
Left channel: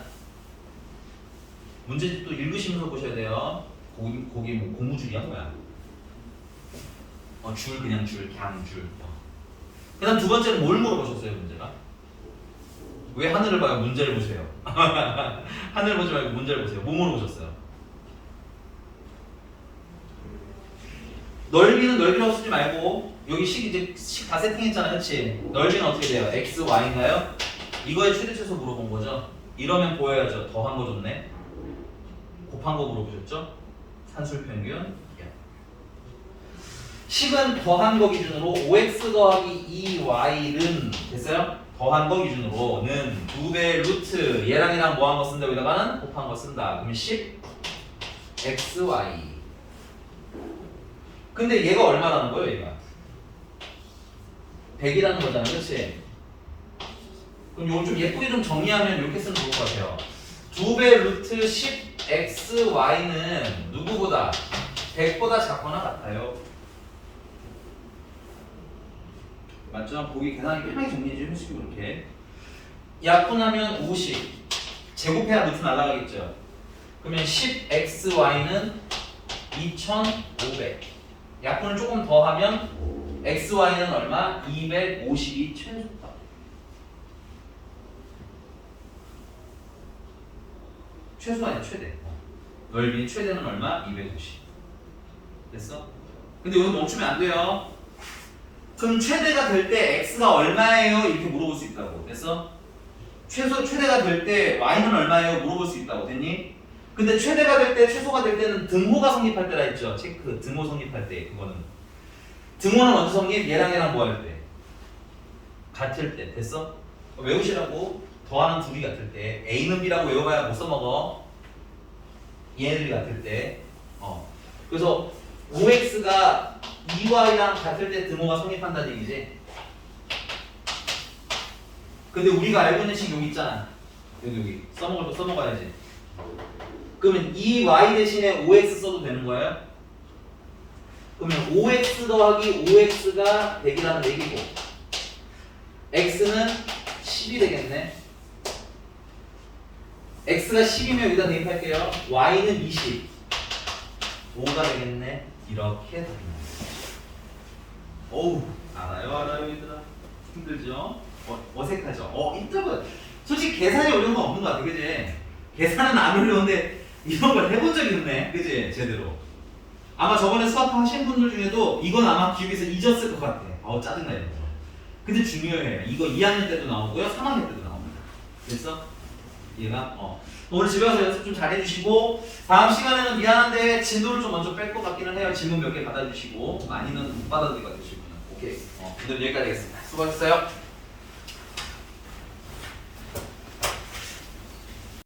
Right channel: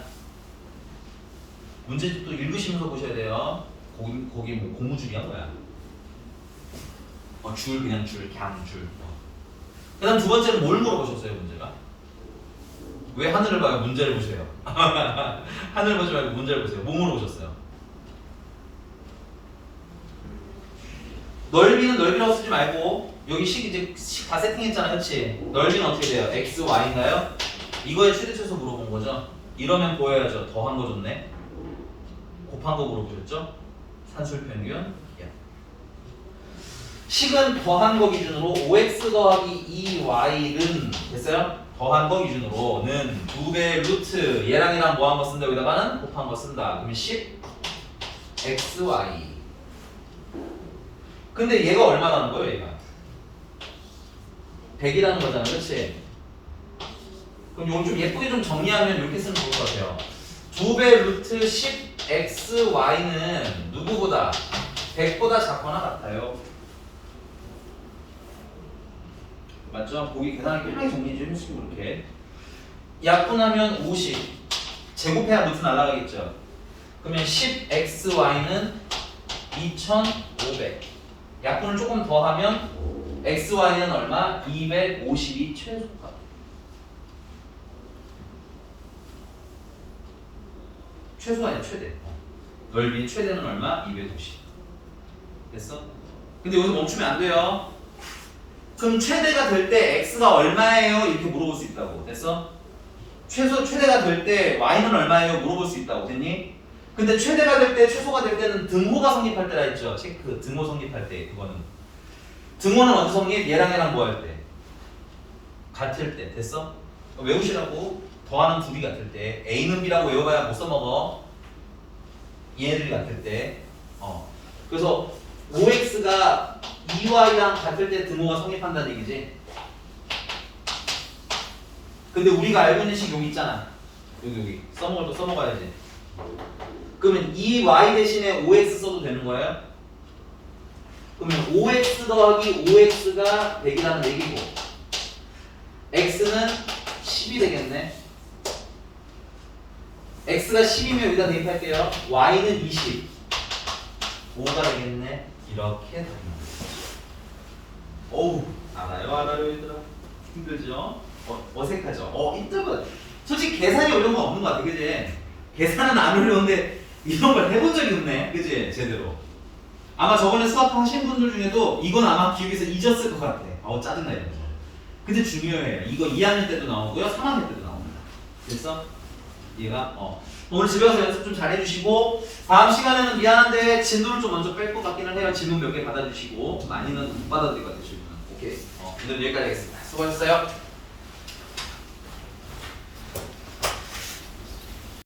문제집 또 읽으시면서 보셔야 돼요. 거기 뭐 고무줄이야 뭐야? 줄 그냥 줄, 그냥 줄. 그 다음 두 번째는 뭘 물어보셨어요, 문제가? 왜 하늘을 봐요? 문제를 보세요. 하늘 보지 말고 문제를 보세요. 뭐 물어보셨어요? 넓이는 넓이라고 쓰지 말고 여기 이제 식 다 세팅했잖아, 그렇지? 넓이는 어떻게 돼요? x, y인가요? 이거의 최대 최소 물어본 거죠? 이러면 보여야죠. 더한 거 줬네. 곱한 거 물어보셨죠? 산술평균. 식은 더한 거 기준으로 5x 더하기 2y는 됐어요? 더한 거 기준으로는 2배 루트 얘랑 뭐한 거 쓴다 여기다가는 곱한 거 쓴다. 그러면 10xy. 근데 얘가 얼마라는 거예요, 얘가? 100이라는 거잖아, 그렇지? 그럼 이걸 좀 예쁘게 좀 정리하면 이렇게 쓰면 좋을 것 같아요. 2배 루트 10xy는 누구보다 100보다 작거나 같아요. 맞죠? 보기 계산하기 편하게 정리 좀 해주시고 이렇게 약분하면 50 제곱해야 루트 날아가겠죠. 그러면 10xy는 2500 약분을 조금 더 하면 xy는 얼마? 250이 최소값. 최소가 아니라 최대. 넓이 최대는 얼마? 250. 됐어? 근데 여기서 멈추면 안 돼요. 그럼 최대가 될 때 x가 얼마예요? 이렇게 물어볼 수 있다고. 됐어? 최대가 될 때 y는 얼마예요? 물어볼 수 있다고. 됐니? 근데 최대가 될 때, 최소가 될 때는 등호가 성립할 때라 했죠. 체크. 등호 성립할 때 그거는. 등호는 언제 성립? 얘랑 뭐 할 때? 같을 때. 됐어? 외우시라고. 더하는 둘이 같을 때. a는 b라고 외워봐야 못 써먹어. 얘네들이 같을 때. 그래서 5x가 2y랑 같을 때 등호가 성립한다는 얘기지. 근데 우리가 알고 있는 식 여기 있잖아. 여기 써먹을 거 써먹어야지. 그러면 2y 대신에 5x 써도 되는 거예요? 그러면 5x 더하기 5x가 100이라는 얘기고 x는 10이 되겠네. x가 10이면 여기다 대입할게요. y는 20 5가 되겠네. 이렇게 답이 나옵니다. 어우, 알아요 얘들아. 힘들죠? 어색하죠? 이쪽은 솔직히 계산이 어려운 건 없는 것 같아, 그지? 계산은 안 어려운데 이런 걸 해본 적이 없네, 그지? 제대로. 아마 저번에 수학 하신 분들 중에도 이건 아마 기억에서 잊었을 것 같아. 짜증나 이런 거. 근데 중요해요. 이거 2학년 때도 나오고요, 3학년 때도 나옵니다. 그래서 얘가 오늘 집에 가서 연습 좀 잘 해주시고 다음 시간에는 미안한데 진도를 좀 먼저 뺄 것 같기는 해요. 질문 몇 개 받아주시고 많이는 못 받아들일 것 같아요. 질문은. 오케이. 오늘 여기까지 하겠습니다. 수고하셨어요.